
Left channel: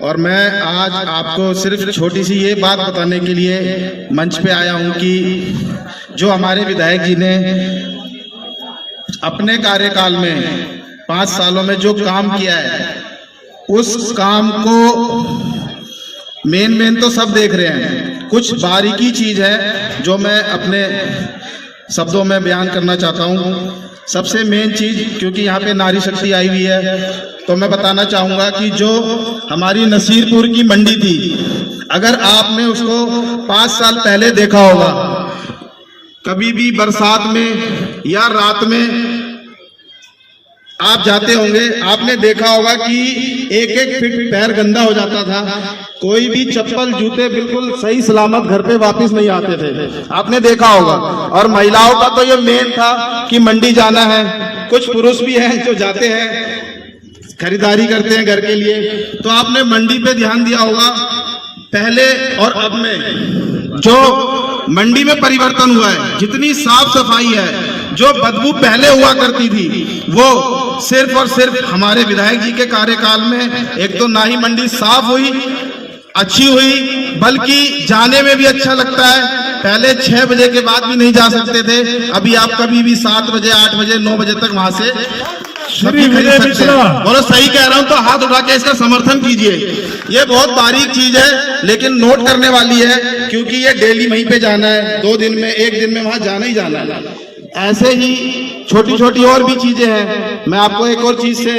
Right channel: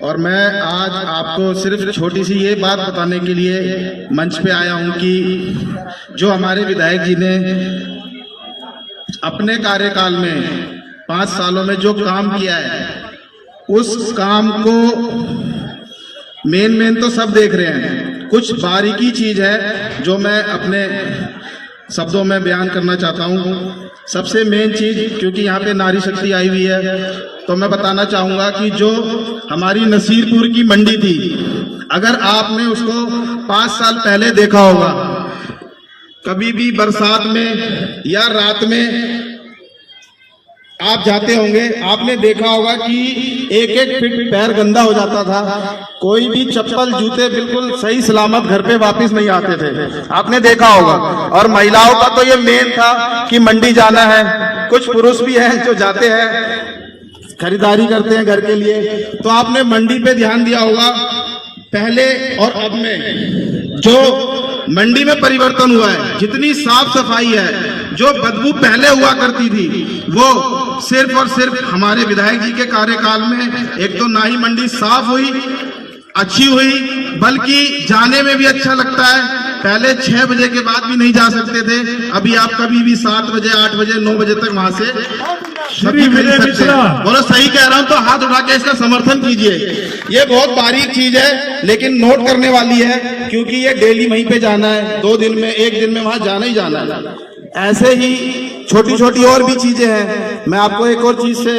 और मैं आज आपको सिर्फ छोटी सी ये बात बताने के लिए मंच पे आया हूं कि जो हमारे विधायक जी ने अपने कार्यकाल में 5 सालों में जो काम किया है, उस काम को मेन तो सब देख रहे हैं, कुछ बारीकी चीज है जो मैं अपने शब्दों में बयान करना चाहता हूं। सबसे मेन चीज, क्योंकि यहाँ पे नारी शक्ति आई हुई है, तो मैं बताना चाहूंगा कि जो हमारी नसीरपुर की मंडी थी, अगर आपने उसको 5 साल पहले देखा होगा, कभी भी बरसात में या रात में आप जाते होंगे, आपने देखा होगा कि एक फीट पैर गंदा हो जाता था, कोई भी चप्पल जूते बिल्कुल सही सलामत घर पे वापस नहीं आते थे, आपने देखा होगा। और महिलाओं का तो ये मेन था कि मंडी जाना है, कुछ पुरुष भी हैं जो जाते हैं, खरीदारी करते हैं घर के लिए, तो आपने मंडी पे ध्यान दिया होगा। पहले और अब में जो मंडी में परिवर्तन हुआ है, जितनी साफ सफाई है, जो बदबू पहले हुआ करती थी, वो सिर्फ और सिर्फ हमारे विधायक जी के कार्यकाल में एक तो ना ही मंडी साफ हुई, अच्छी हुई, बल्कि जाने में भी अच्छा लगता है। पहले 6 बजे के बाद भी नहीं जा सकते थे, अभी आप कभी भी 7 बजे, 8 बजे, 9 बजे तक वहां से बोलो सही कह रहा हूं तो हाथ उठा के इसका समर्थन कीजिए। ये बहुत बारीक चीज है, लेकिन नोट करने वाली है, क्योंकि ये डेली वहीं पे जाना है, 2 दिन में 1 दिन में वहां जाना ही जाना है। ऐसे ही छोटी छोटी और भी चीजें हैं। मैं आपको एक और चीज से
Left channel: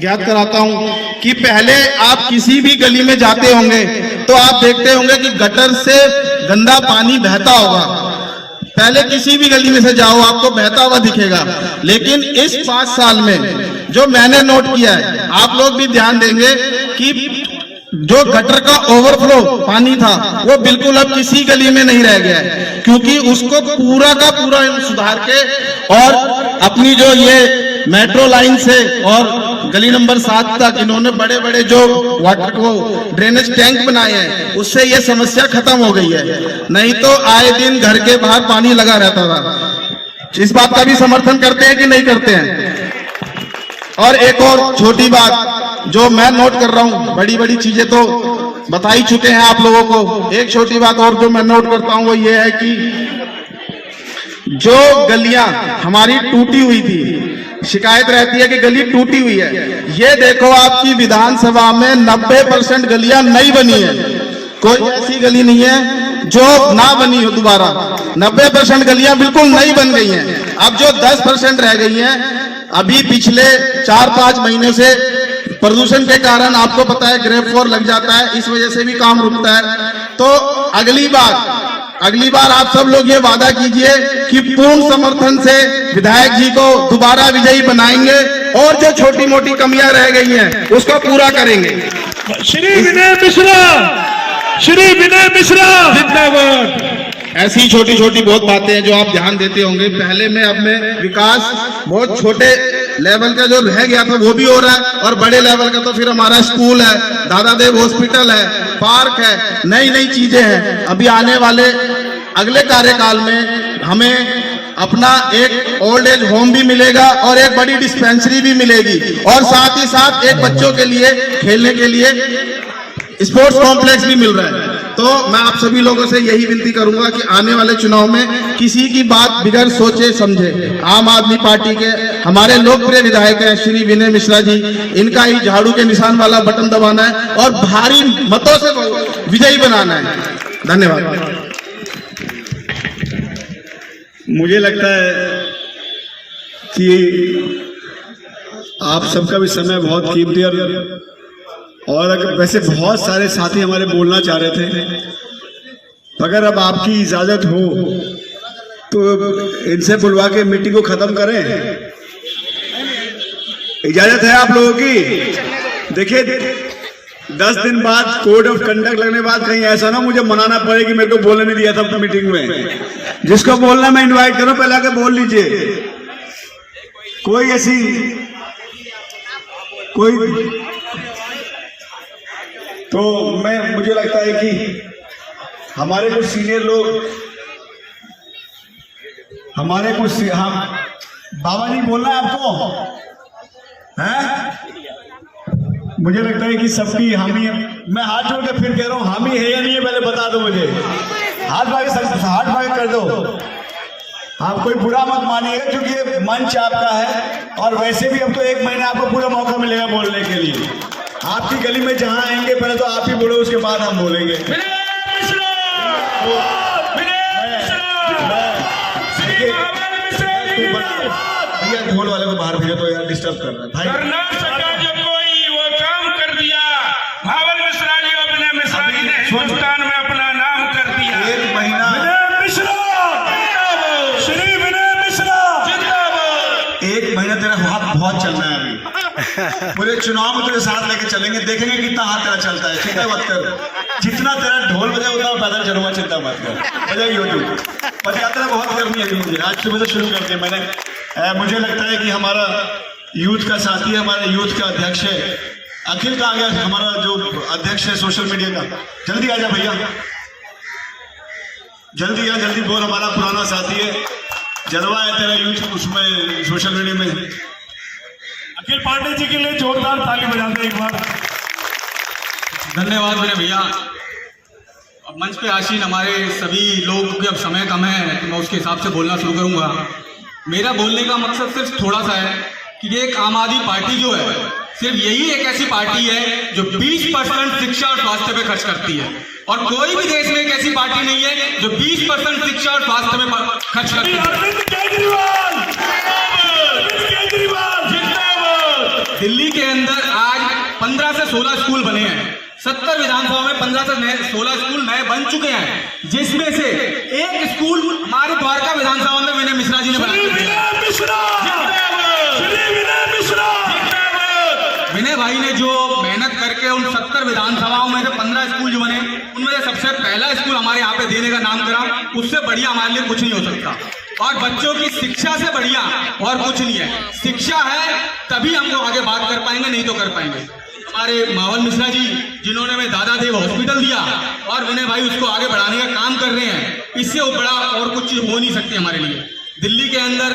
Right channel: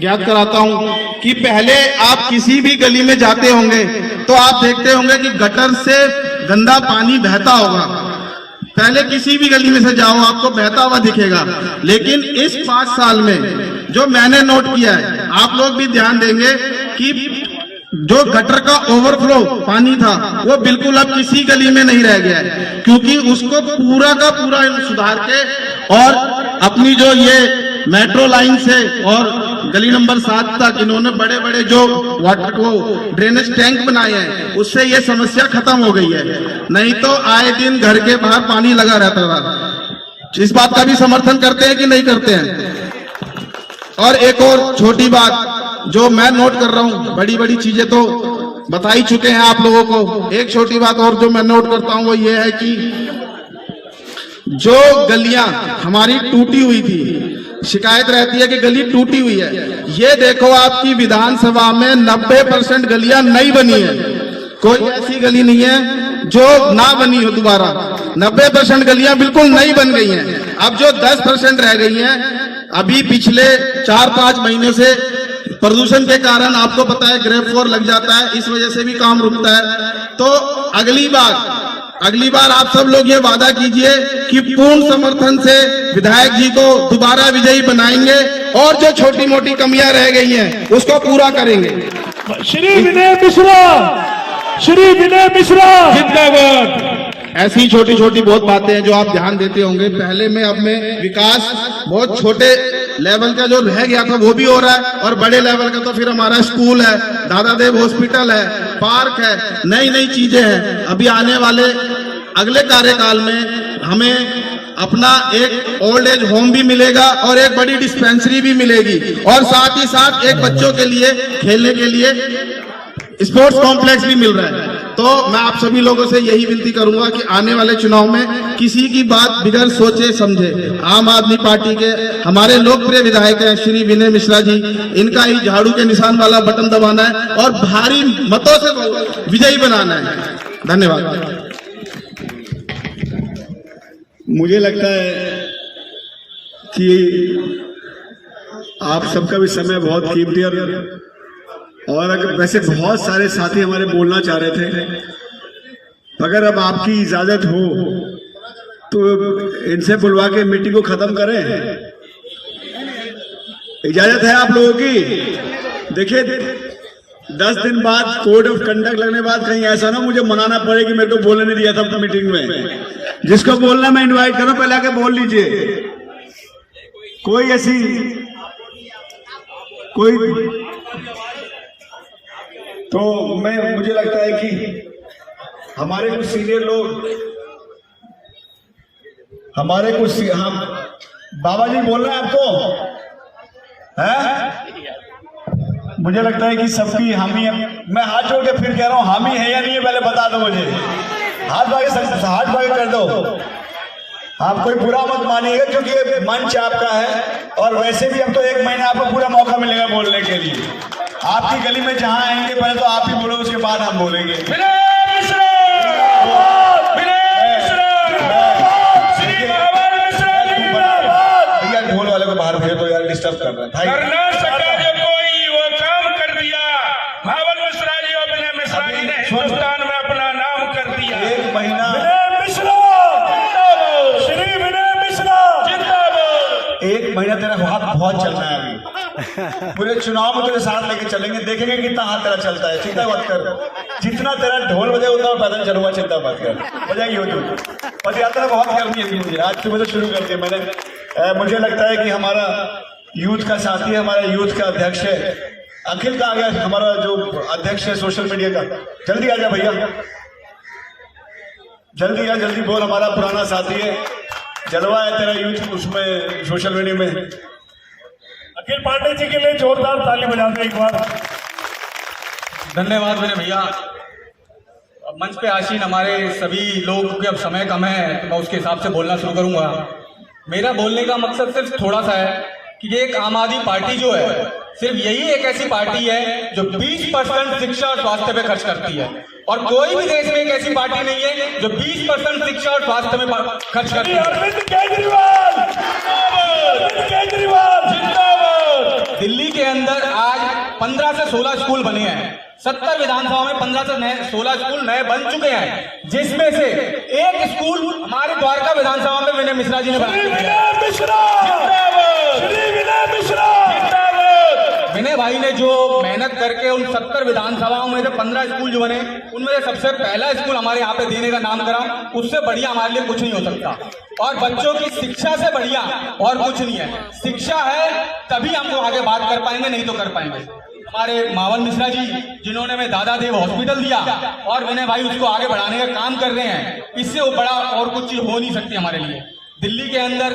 ज्ञात कराता हूं कि पहले आप किसी भी गली में जाते होंगे तो आप देखते होंगे कि गटर से गंदा पानी बहता होगा। पहले किसी भी गली में से जाओ आपको बहता हुआ दिखेगा, लेकिन इस 5 साल में जो मैंने नोट किया है, आप लोग भी ध्यान देंगे कि जो गटर का ओवरफ्लो पानी था वो बिल्कुल अब किसी गली में नहीं रह गया है, क्योंकि उसको पूरा का पूरा सुधार के और अपनी जो ये मेट्रो लाइन से और गली नंबर 7 तक इन्होंने बड़े बड़े जो वाटर को ड्रेनेज टैंक बनाए हैं, उससे ये समस्या खत्म हो गई है। नहीं तो आए दिन घर के बाहर पानी लगा रहता था। इस बात का भी समर्थन करते हैं कि नहीं करते हैं? और एक और छोटी बात जो मैं नोट कर रहा हूं, बड़ी बड़ी चीजें तो बता ही चुके हैं आप लोगों को, एक छोटी बात और जो मैं नोट करता हूं वो ये है कि जो गलियां हमारी टूटी हुई थी, शिकायत रहती है कि गली टूटी हुई है, ये देखो आपकी विधानसभा में 90% गलियां नई बनी है। कोई ऐसी गली नहीं है जो ना बनी हो दोबारा। 90% गलियां बिल्कुल नई बन गई हैं। अब जो 10% रह गई हैं, अभी पिछले 4-5 महीनों से प्रदूषण के कारण आपको पता है ग्रेव फ्लोर लग जाता है, इस वजह से भी काम रुकता है। तो अगली बार आप सब लोग ये वादा कीजिए कि पूर्ण समर्थन से विधायक जी को दोबारा विजयी बनाएंगे और जो छोटी मोटी कमियां रह गई हैं उसको पूरा करेंगे। श्री विनय मिश्रा जिंदाबाद। ऐसी छोटी छोटी बहुत बातें हैं जो आप ध्यान देते होंगे। पहले में अब में विकास बहुत छोटे लेवल का जो रह गया था वो भी हो रहा है, और बड़े लेवल का तो फिर हमारा स्कूल है, दादादेव हॉस्पिटल है, पार्क है, नई नई चीजें हैं। अभी आने वाले अगले कार्यकाल में हमें अपना एक ओल्ड एज होम भी मिलेगा और एक बड़ी डिस्पेंसरी भी मिलेगी, और साथ ही साथ एक बच्चों के लिए खेलने के लिए स्पोर्ट्स कॉम्प्लेक्स भी मिल रहा है। तो मैं आप सभी लोगों से यही विनती करूंगा कि आने वाले चुनाव में किसी की बात बिगड़ सोचे समझे। आम आदमी पार्टी के हमारे लोकप्रिय विधायक हैं श्री विनय मिश्रा जी, इनका ही झाड़ू के निशान वाला बटन दबाना है और भारी मतों से विजयी बनाना है। धन्यवाद। मुझे लगता है कि आप सबका भी समय बहुत कीमती है, और अगर वैसे बहुत सारे साथी हमारे बोलना चाह रहे थे, अगर अब आपकी इजाजत हो तो इनसे बुलवा के मीटिंग को खत्म करें। इजाजत है आप लोगों की? देखिए 10 दिन बाद कोड ऑफ कंडक्ट लगने बाद कहीं ऐसा ना मुझे मनाना पड़े कि मेरे को बोलने नहीं दिया था मीटिंग में। जिसको बोलना मैं इनवाइट करूं पहले आके बोल लीजिए। कोई ऐसी तो मुझे लगता है कि हमारे कुछ सीनियर लोग, हम बाबा जी बोलना है आपको है? मुझे लगता है कि सबकी हामी है। मैं हाथ जोड़ के फिर कह रहा हूँ, हामी है या नहीं है पहले बता दो मुझे। हाथ बागे कर दो। आप कोई बुरा मत मानिएगा क्योंकि ये मंच आपका है, और वैसे भी अब तो 1 महीने आपको पूरा मौका मिलेगा बोलने के लिए। आपकी गली में जहां आएंगे पहले तो आप ही बोलो, उसके बाद हम बोलेंगे। भैया ढोल वाले को बाहर भेज दो यार, डिस्टर्ब कर रहे हैं भाई। कोई वो काम कर दिया, भावल मिश्रा जी और विनय मिश्रा जी ने हिंदुस्तान में अपना नाम कर दिया। 1 महीना श्री विनय मिश्रा जिंदाबाद। 1 महीना तेरा हाथ बहुत चलना है अभी। पूरे चुनाव में तेरे साथ लेके चलेंगे, देखेंगे कितना हाथ तेरा चलता है। चिंता मत कर, जितना तेरा ढोल बजे उतना पैदल चलूंगा, चिंता मत कर। बजाइए होती पद यात्रा बहुत करनी है मुझे, आज सुबह से शुरू कर दिया मैंने। मुझे लगता है कि हमारा यूथ का साथी है, हमारा यूथ का अध्यक्ष है, अखिल का आ गया, हमारा जो अध्यक्ष है सोशल मीडिया का। जल्दी आ जा भैया, जल्दी आ, जल्दी बोल। हमारा पुराना साथी है, जलवा है तेरा यूथ उसमें सोशल मीडिया में। अखिल पांडे जी के लिए जोरदार ताली बजाते एक बार। धन्यवाद मेरे भैया। अब मंच पे आसीन हमारे सभी लोग, क्योंकि अब समय कम है तो मैं उसके हिसाब से बोलना शुरू करूंगा। मेरा बोलने का मकसद सिर्फ थोड़ा सा है कि एक आम आदमी पार्टी जो है सिर्फ यही एक ऐसी पार्टी है जो 20% शिक्षा और स्वास्थ्य पे खर्च करती है, और कोई भी देश में एक ऐसी पार्टी नहीं है जो 20% शिक्षा और स्वास्थ्य में खर्च करती है। अरविंद केजरीवाल अरविंद केजरीवाल जिंदाबाद। दिल्ली के अंदर आज 15 से 16 स्कूल बने हैं, 70 विधानसभा में 15 से 16 स्कूल नए बन चुके हैं, जिसमें से एक स्कूल हमारी द्वारका विधानसभा में विनय मिश्रा जी ने बनाया। विनय भाई ने जो मेहनत करके उन 70 विधानसभाओं में से 15 स्कूल जो बने, उनमें से सबसे पहला स्कूल हमारे यहाँ पे देने का नाम करा, उससे बढ़िया हमारे लिए कुछ नहीं हो सकता। और बच्चों की शिक्षा से बढ़िया और कुछ नहीं है। शिक्षा है तभी हम लोग आगे बात कर पाएंगे, नहीं तो कर पाएंगे। हमारे मावल मिश्रा जी जिन्होंने हमें दादा देव हॉस्पिटल दिया और विनय भाई उसको आगे बढ़ाने का काम कर रहे हैं, इससे बड़ा और कुछ हो नहीं सकती हमारे लिए। दिल्ली के अंदर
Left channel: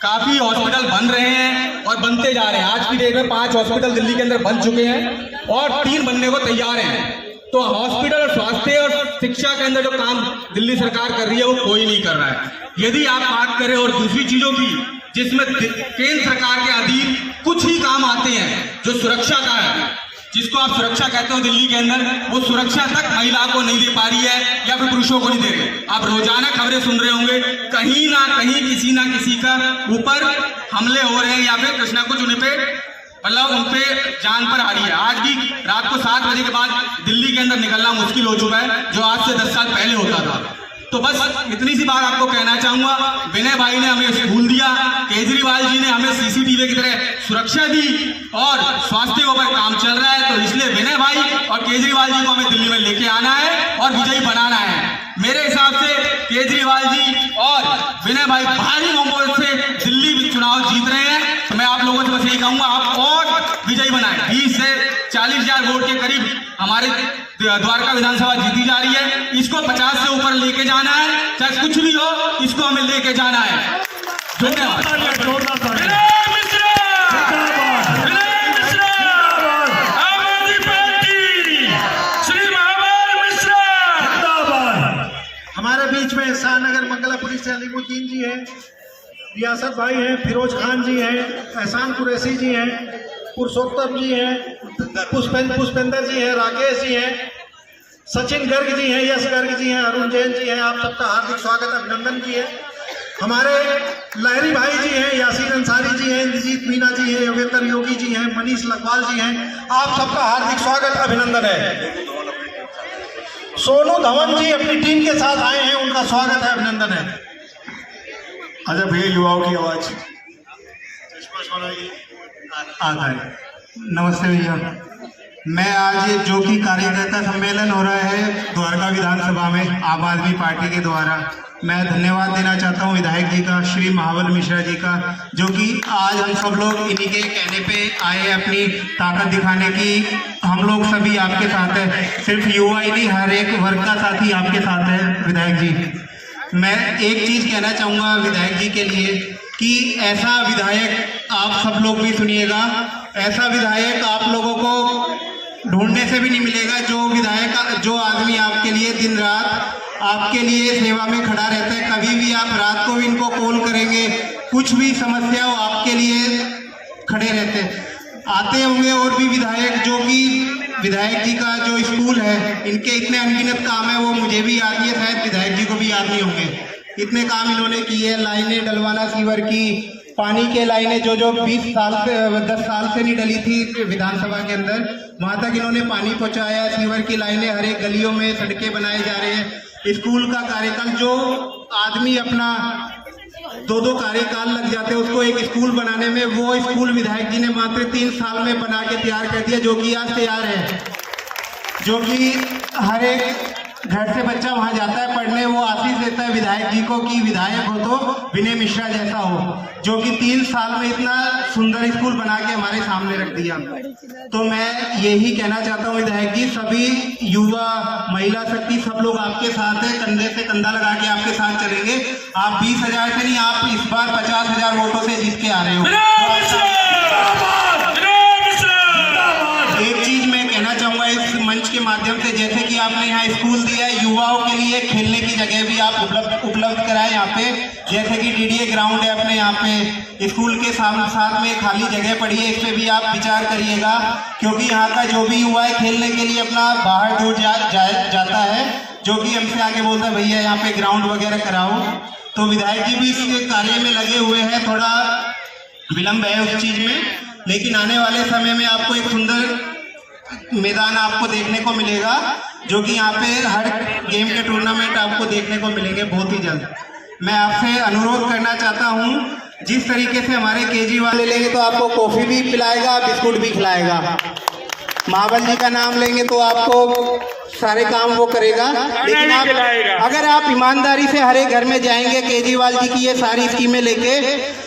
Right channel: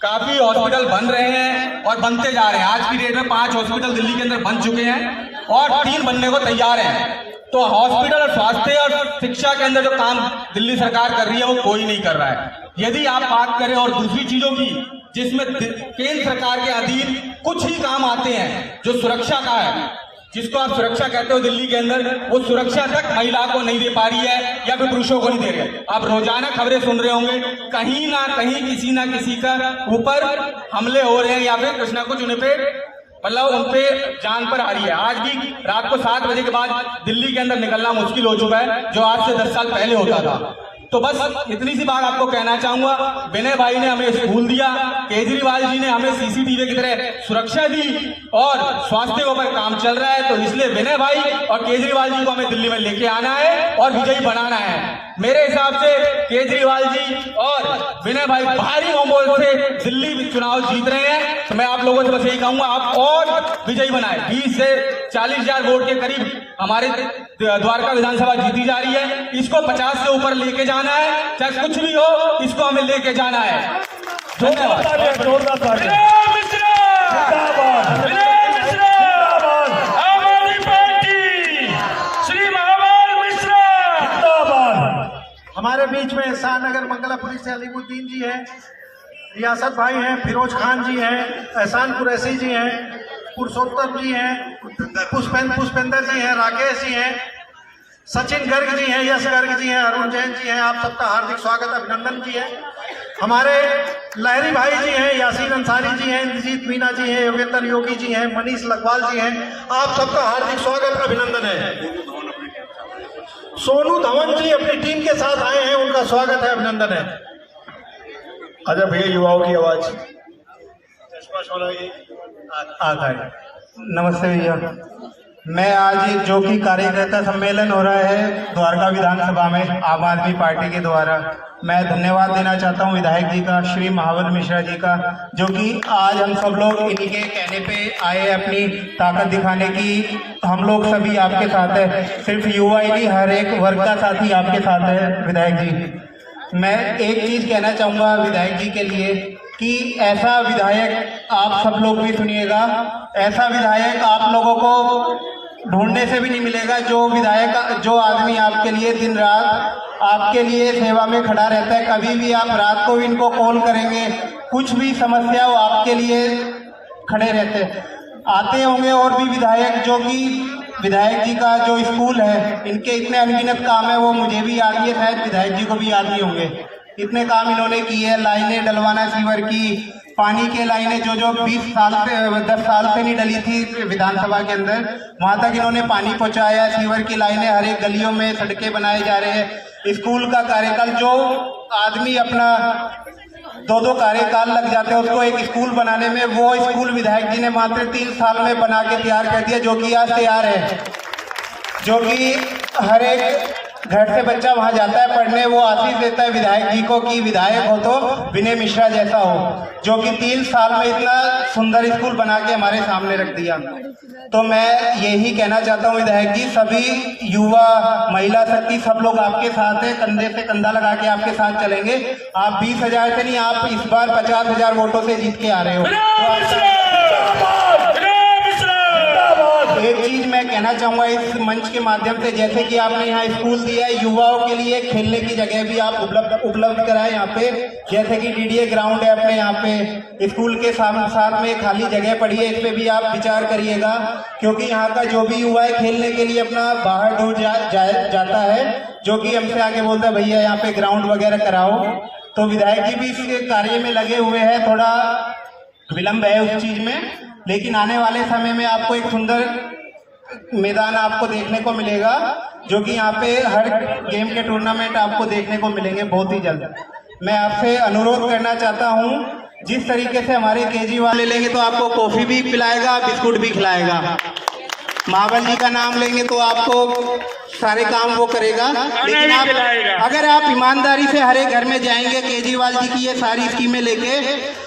काफी हॉस्पिटल बन रहे हैं और बनते जा रहे हैं। आज की डेट में 5 हॉस्पिटल दिल्ली के अंदर बन चुके हैं और 3 बनने को तैयार हैं। तो हॉस्पिटल और स्वास्थ्य और शिक्षा के अंदर जो काम दिल्ली सरकार कर रही है वो कोई नहीं कर रहा है। यदि आप बात करें और दूसरी चीजों की जिसमें केंद्र सरकार के अधीन कुछ ही काम आते हैं, जो सुरक्षा का है, जिसको आप सुरक्षा कहते हो दिल्ली के अंदर, वो सुरक्षा तक महिला को नहीं दे पा रही है या फिर पुरुषों को नहीं दे रहे। आप रोजाना खबरें सुन रहे होंगे, कहीं ना कहीं किसी ना किसी का ऊपर हमले हो रहे हैं या फिर कुछ ना कुछ उन पे मतलब उन पे जान पर आ रही है। आज भी रात को 7 बजे के बाद दिल्ली के अंदर निकलना मुश्किल हो चुका है, जो आज से 10 साल पहले होता था। तो बस इतनी सी बात आपको कहना चाहूंगा, विनय भाई ने हमें स्कूल दिया, केजरीवाल जी ने हमें सीसीटीवी की तरह सुरक्षा दी और स्वास्थ्य के ऊपर काम चल रहा है। तो इसलिए विनय भाई और केजरीवाल जी को हमें दिल्ली में लेके आना है और विजयी बनाना है। मेरे हिसाब से केजरीवाल जी और विनय भाई भारी बहुमत से दिल्ली में चुनाव जीत रहे हैं। तो मैं आप लोगों से बस यही कहूंगा, आप और विजयी बनाए। 20 से 40 हजार वोट के करीब हमारे द्वारका विधानसभा जीती जा रही है। इसको 50 से ऊपर लेके जाना है, चाहे कुछ भी हो, इसको हमें लेके जाना है। धन्यवाद। हमारे बीच में शाहनगर मंगलापुरी से अलीमुद्दीन जी हैं, रियासत भाई हैं, फिरोज खान जी हैं, एहसान कुरैशी जी हैं, पुरुषोत्तम जी हैं, पुष्पेंद्र जी हैं, राकेश जी हैं, सचिन गर्ग जी हैं, यश गर्ग जी हैं, अरुण जैन जी हैं। आप सबका हार्दिक स्वागत, अभिनंदन जी है। हमारे लहरी भाई जी हैं, यासीन अंसारी जी हैं, इंद्रजीत मीना जी हैं, योगेंद्र योगी जी हैं, मनीष लखवाल जी हैं। आप सबका हार्दिक स्वागत, अभिनंदन है। सोनू धवन जी अपनी टीम के साथ आए हैं, उनका स्वागत है, अभिनंदन है। अच्छा भैया, युवाओं की आवाज नमस्ते भैया, मैं आज जो कि कार्यकर्ता सम्मेलन हो रहा है द्वारका विधानसभा में आम आदमी पार्टी के द्वारा, मैं धन्यवाद देना चाहता हूं विधायक जी का, श्री महावल मिश्रा जी का, जो कि आज हम सब लोग इन्हीं के कहने पे आए अपनी ताकत दिखाने की। हम लोग सभी आपके साथ है, सिर्फ युवा ही नहीं, हर एक वर्ग का साथी आपके साथ है विधायक जी। मैं एक चीज़ कहना चाहूँगा विधायक जी के लिए कि ऐसा विधायक आप सब लोग भी सुनिएगा, ऐसा विधायक आप लोगों को ढूंढने से भी नहीं मिलेगा, जो विधायक, जो आदमी आपके लिए दिन रात आपके लिए सेवा में खड़ा रहता है। कभी भी आप रात को भी इनको कॉल करेंगे, कुछ भी समस्या हो आपके लिए खड़े रहते हैं। आते होंगे और भी विधायक, जो कि विधायक जी का जो स्कूल है, इनके इतने अनगिनत काम है, वो मुझे भी याद है, शायद विधायक जी को भी याद नहीं होंगे। इतने काम इन्होंने किए, लाइनें डलवाना सीवर की, पानी के लाइनें जो 10 साल से नहीं डली थी विधानसभा के अंदर, वहाँ तक इन्होंने पानी पहुँचाया। सीवर की लाइनें हर एक गलियों में, सड़कें बनाए जा रहे हैं। स्कूल का कार्यकाल, जो आदमी अपना 2-2 कार्यकाल लग जाते हैं उसको एक स्कूल बनाने में, वो स्कूल विधायक जी ने मात्र 3 साल में बना के तैयार कर दिया, जो कि आज तैयार है, जो कि हर एक घर से बच्चा वहां जाता है पढ़ने, वो आशीष देता है विधायक जी को कि विधायक हो तो विनय मिश्रा जैसा हो, जो कि 3 साल में इतना सुंदर स्कूल बना के हमारे सामने रख दिया। तो मैं यही कहना चाहता हूँ विधायक जी, सभी युवा, महिला शक्ति, सब लोग आपके साथ है, कंधे से कंधा लगा के आपके साथ चलेंगे। आप 20,000 से नहीं, आप इस बार 50,000 वोटों से जीत के आ रहे हो। एक चीज मैं कहना चाहूंगा इस मंच के के माध्यम से, जैसे कि आपने यहाँ स्कूल दिया है, युवाओं के लिए खेलने की जगह भी आप उपलब्ध कराए यहाँ पे, जैसे कि डीडीए ग्राउंड है अपने यहाँ पे, स्कूल के साथ में खाली जगह पड़ी है, इस पर भी आप विचार करिएगा, क्योंकि यहाँ का जो भी युवा है खेलने के लिए अपना बाहर दूर जाता है, जो कि हमसे आके बोलता है भैया यहाँ पे ग्राउंड वगैरह कराओ। तो विधायक जी भी इस कार्य में लगे हुए हैं, थोड़ा विलम्ब है उस चीज़ में, लेकिन आने वाले समय में आपको एक सुंदर मैदान आपको देखने को मिलेगा, जो कि यहाँ पे हर गेम के टूर्नामेंट आपको देखने को मिलेंगे बहुत ही जल्द। मैं आपसे अनुरोध करना चाहता हूँ, जिस तरीके से हमारे केजरीवाल ले लेंगे तो आपको कॉफ़ी भी पिलाएगा, बिस्कुट भी खिलाएगा। महाबल जी का नाम लेंगे तो आपको सारे काम वो करेगा, लेकिन अगर आप ईमानदारी से हर एक घर में जाएंगे केजरीवाल जी की ये सारी स्कीमें लेके,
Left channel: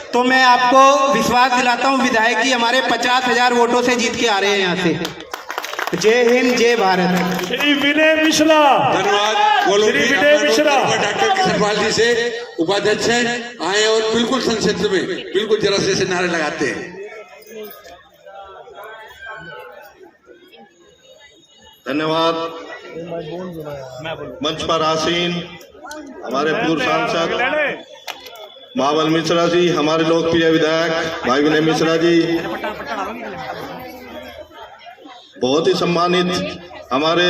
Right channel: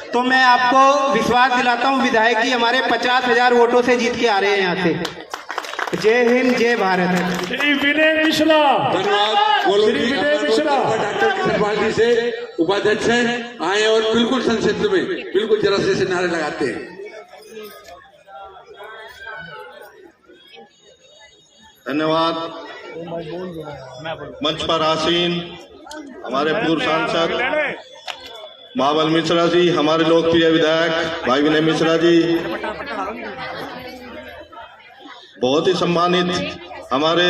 तो मैं आपको विश्वास दिलाता हूँ विधायक जी हमारे 50,000 वोटों से जीत के आ रहे हैं यहाँ से। जय हिंद, जय भारत। श्री विनय मिश्रा, धन्यवाद। श्री विनय मिश्रा डॉक्टर किशनपाल जी से उपाध्यक्ष हैं, आए और बिल्कुल संक्षिप्त में बिल्कुल जरा से नारे लगाते हैं। धन्यवाद। मंच पर आसीन हमारे पूर्व सांसद महाबल मिश्रा जी, हमारे लोकप्रिय विधायक भाई विनय मिश्रा जी, बहुत ही सम्मानित हमारे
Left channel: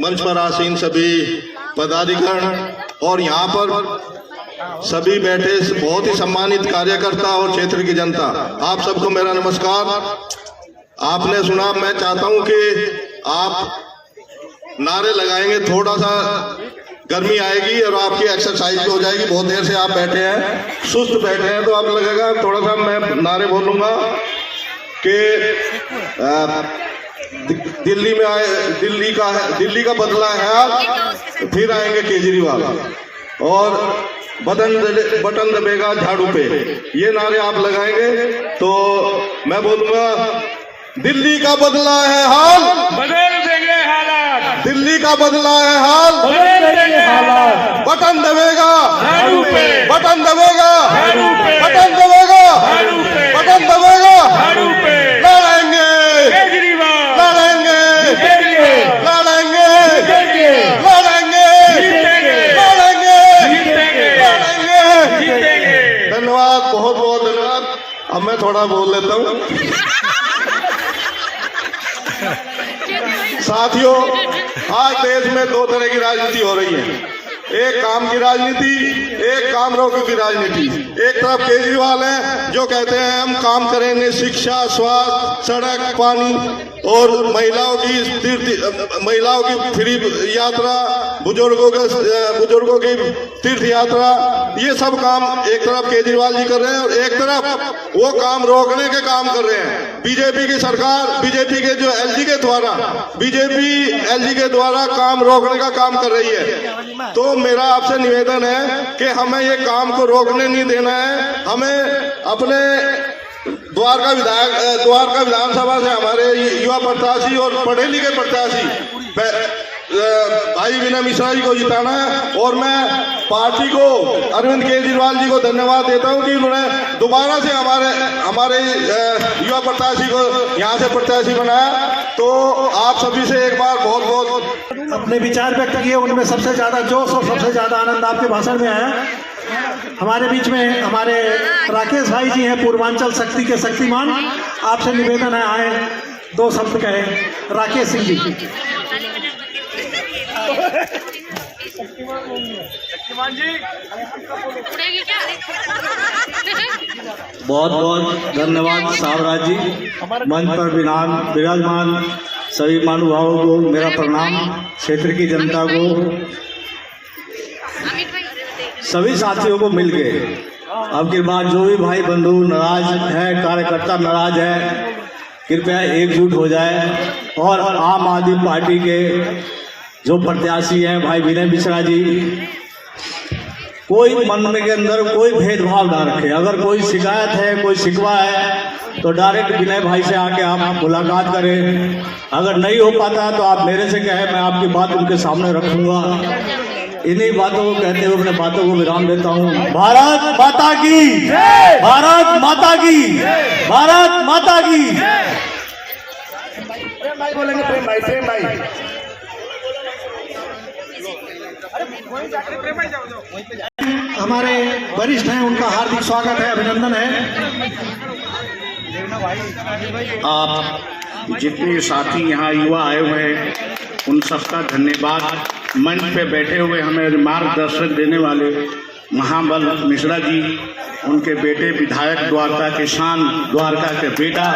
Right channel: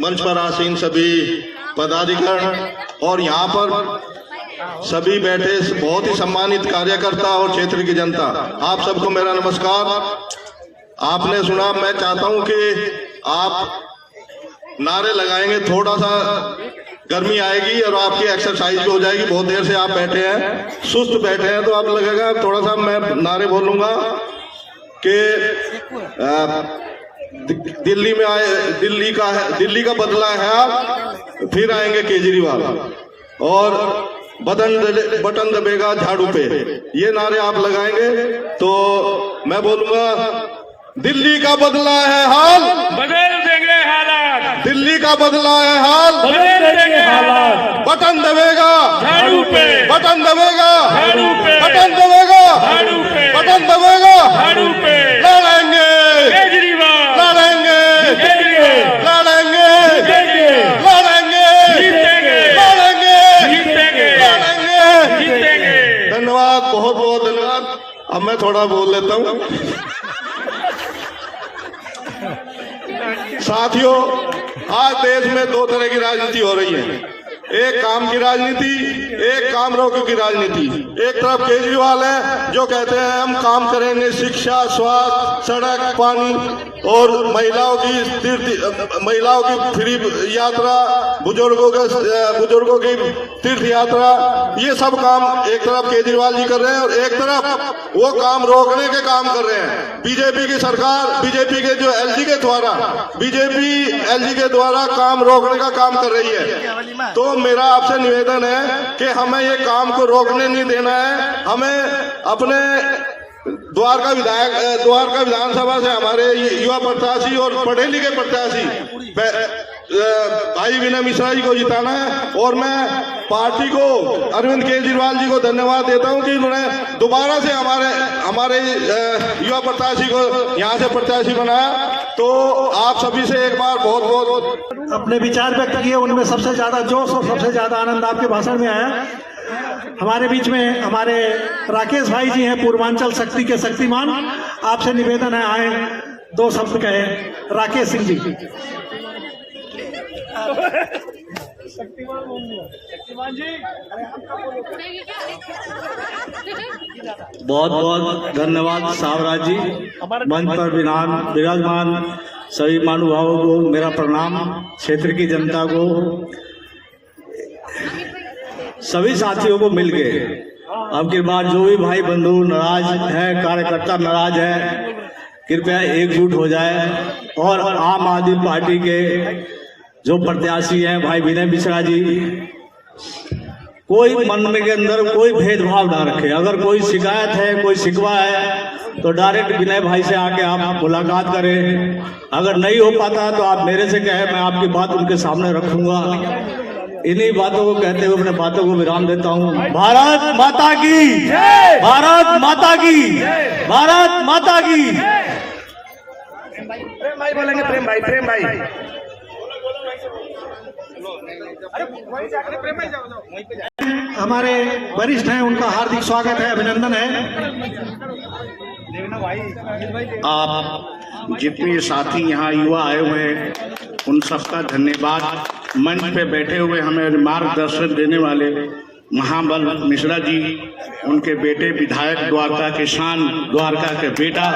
मंच पर आसीन सभी पदाधिकारी और यहाँ पर सभी बैठे बहुत ही सम्मानित कार्यकर्ता और क्षेत्र की जनता, आप सबको मेरा नमस्कार। आपने सुना, मैं चाहता हूँ कि आप नारे लगाएंगे, थोड़ा सा गर्मी आएगी और आपकी एक्सरसाइज भी हो जाएगी। बहुत देर से आप बैठे हैं, सुस्त बैठे हैं, तो आप लगेगा थोड़ा सा मैं नारे बोलूंगा कि दिल्ली में आए, दिल्ली का बदला है आप, फिर आएंगे केजरीवाल और बटन दबेगा झाड़ू पे, ये नारे आप लगाएंगे तो मैं बोलूंगा दिल्ली का बदला है हाल, बदल देंगे हालात, दिल्ली का बदला है हाल, बदल देंगे हालात, बटन दबेगा झाड़ू पे, बटन दबेगा झाड़ू पे, बटन दबेगा झाड़ू पे, बटन दबेगा झाड़ू पे, लड़ेंगे केजरीवाल, लड़ेंगे जीतेंगे, लड़ेंगे जीतेंगे, लड़ेंगे जीतेंगे, लड़ेंगे जीतेंगे, लड़ेंगे जीतेंगे। धन्यवाद, बहुत बहुत धन्यवाद। अब मैं थोड़ा बोल लेता हूँ। साथियों, आज देश में दो तरह की राजनीति हो रही है, एक काम की राजनीति, एक काम रोको की राजनीति। एक तरफ केजरीवाल है जो कहते हैं हम काम करेंगे, शिक्षा, स्वास्थ्य, सड़क, पानी और महिलाओं की फ्री यात्रा, बुजुर्गों की तीर्थ यात्रा, ये सब काम एक तरफ केजरीवाल जी कर रहे हैं और एक तरफ वो काम रोकने के काम कर रहे हैं। बीजेपी की सरकार, बीजेपी के जो एलजी के द्वारा काम रोकने का काम कर रही है। तो मेरा आपसे निवेदन है कि हमें ये काम को रोकने नहीं देना है। हमें अपने द्वारका विधानसभा से हमारे युवा प्रत्याशी और पढ़े लिखे प्रत्याशी भाई विनय मिश्रा जी को जिताना है और मैं पार्टी को, अरविंद केजरीवाल जी को धन्यवाद देता हूं कि उन्होंने दोबारा से हमारे युवा प्रत्याशी को यहां से प्रत्याशी बनाया। तो आप सभी से एक बार बहुत बहुत अपने विचार व्यक्त किए, उनमें सबसे ज्यादा जोश और सबसे ज्यादा आनंद आपके भाषण में आया। हमारे बीच में हमारे राकेश भाई जी हैं, पूर्वांचल शक्ति के शक्तिमान, आपसे निवेदन है आए दो शब्द कहे। राकेश सिंह जी। बहुत बहुत धन्यवाद सावराज जी। मंच पर विराजमान सभी महानुभावों को मेरा प्रणाम, क्षेत्र की जनता को, सभी साथियों को मिलके अब की बार जो भी भाई बंधु नाराज है, कार्यकर्ता नाराज है, कृपया एकजुट हो जाए और आम आदमी पार्टी के जो प्रत्याशी हैं भाई विनय मिश्रा जी, कोई मन में के अंदर कोई भेदभाव ना रखे। अगर कोई शिकायत है, कोई शिकवा है तो डायरेक्ट विनय भाई से आके आप मुलाकात करें। अगर नहीं हो पाता तो आप मेरे से कहें, मैं आपकी बात उनके सामने रखूंगा। इन्हीं बातों को कहते हुए अपने बातों को विराम देता हूँ। भारत माता की, भारत माता की, भारत माता की। प्रेम भाई बोलेंगे, प्रेम भाई। हमारे वरिष्ठ हैं, उनका हार्दिक स्वागत है, अभिनंदन है। आप जितने साथी यहाँ युवा आए हुए हैं उन सबका धन्यवाद। मंच पे बैठे हुए हमें मार्गदर्शन देने वाले महाबल मिश्रा जी, उनके बेटे विधायक द्वारका के शान, द्वारका के बेटा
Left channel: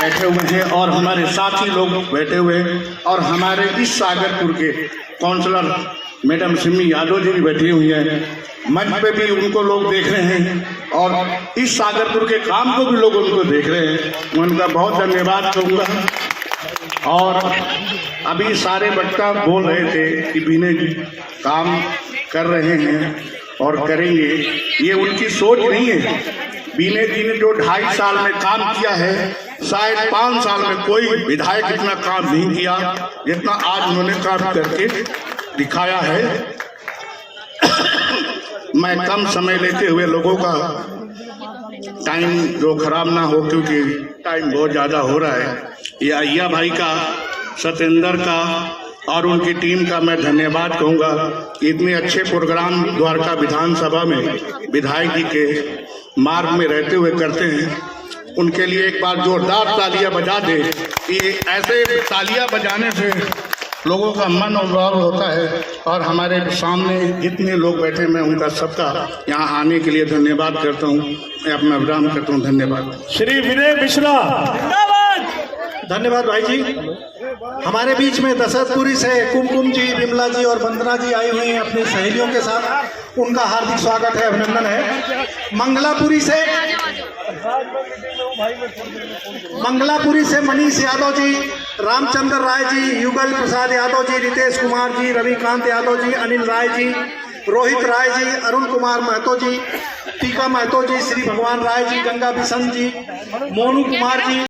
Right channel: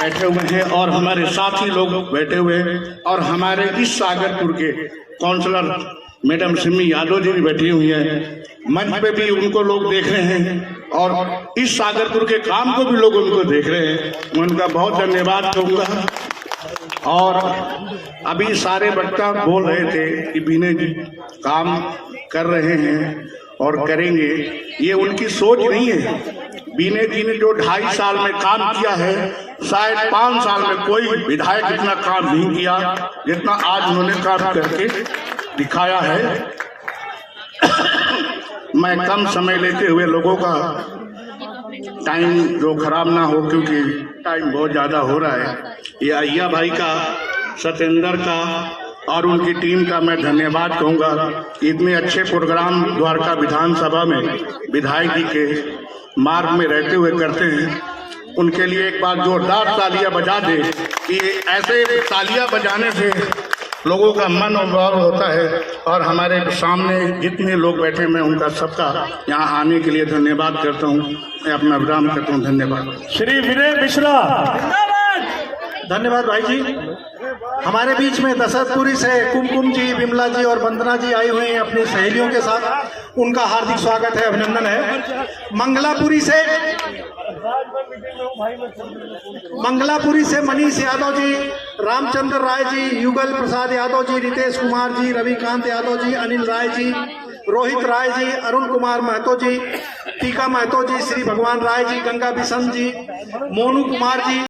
बैठे हुए हैं, और हमारे साथी लोग बैठे हुए हैं, और हमारे इस सागरपुर के काउंसलर मैडम सिमी यादव जी भी बैठी हुई हैं। मंच पे भी उनको लोग देख रहे हैं, और इस सागरपुर के काम को भी लोग उनको देख रहे हैं। मैं उनका बहुत धन्यवाद कहूँगा। और अभी सारे वक्ता बोल रहे थे कि विनय जी काम कर रहे हैं और करेंगे, ये उनकी सोच नहीं है। विनय जी ने जो 2.5 साल में काम किया है, शायद 5 साल में कोई विधायक इतना काम नहीं किया जितना आज उन्होंने काम करके दिखाया है। मैं कम समय लेते हुए लोगों का टाइम जो खराब ना हो, क्योंकि टाइम बहुत ज़्यादा हो रहा है। ये अय्या भाई का, सतेंद्र का और उनकी टीम का मैं धन्यवाद कहूँगा। इतने अच्छे प्रोग्राम द्वारका विधानसभा में विधायक जी के मार्ग में रहते हुए करते हैं। उनके लिए एक बार जोरदार तालियां बजा दे कि ऐसे तालियां बजाने से लोगों का मन और भाव होता है। और हमारे सामने जितने लोग बैठे, मैं उनका सबका यहाँ आने के लिए धन्यवाद करता हूँ। मैं अपना विराम करता हूँ। धन्यवाद। श्री विनय मिश्रा, धन्यवाद भाई जी। हमारे बीच में दशरथपुरी से कुमकुम जी, विमला जी और वंदना जी आए हुए हैं अपनी सहेलियों के साथ, उनका हार्दिक स्वागत है, अभिनंदन है। मंगलापुरी से मनीष यादव जी, रामचंद्र राय जी, युगल प्रसाद यादव जी, रितेश कुमार जी, रविकांत यादव जी, अनिल राय जी, रोहित राय जी, अरुण कुमार महतो जी, टीका महतो जी, श्री भगवान राय जी, गंगा बिशन जी, मोनू कुमार जी।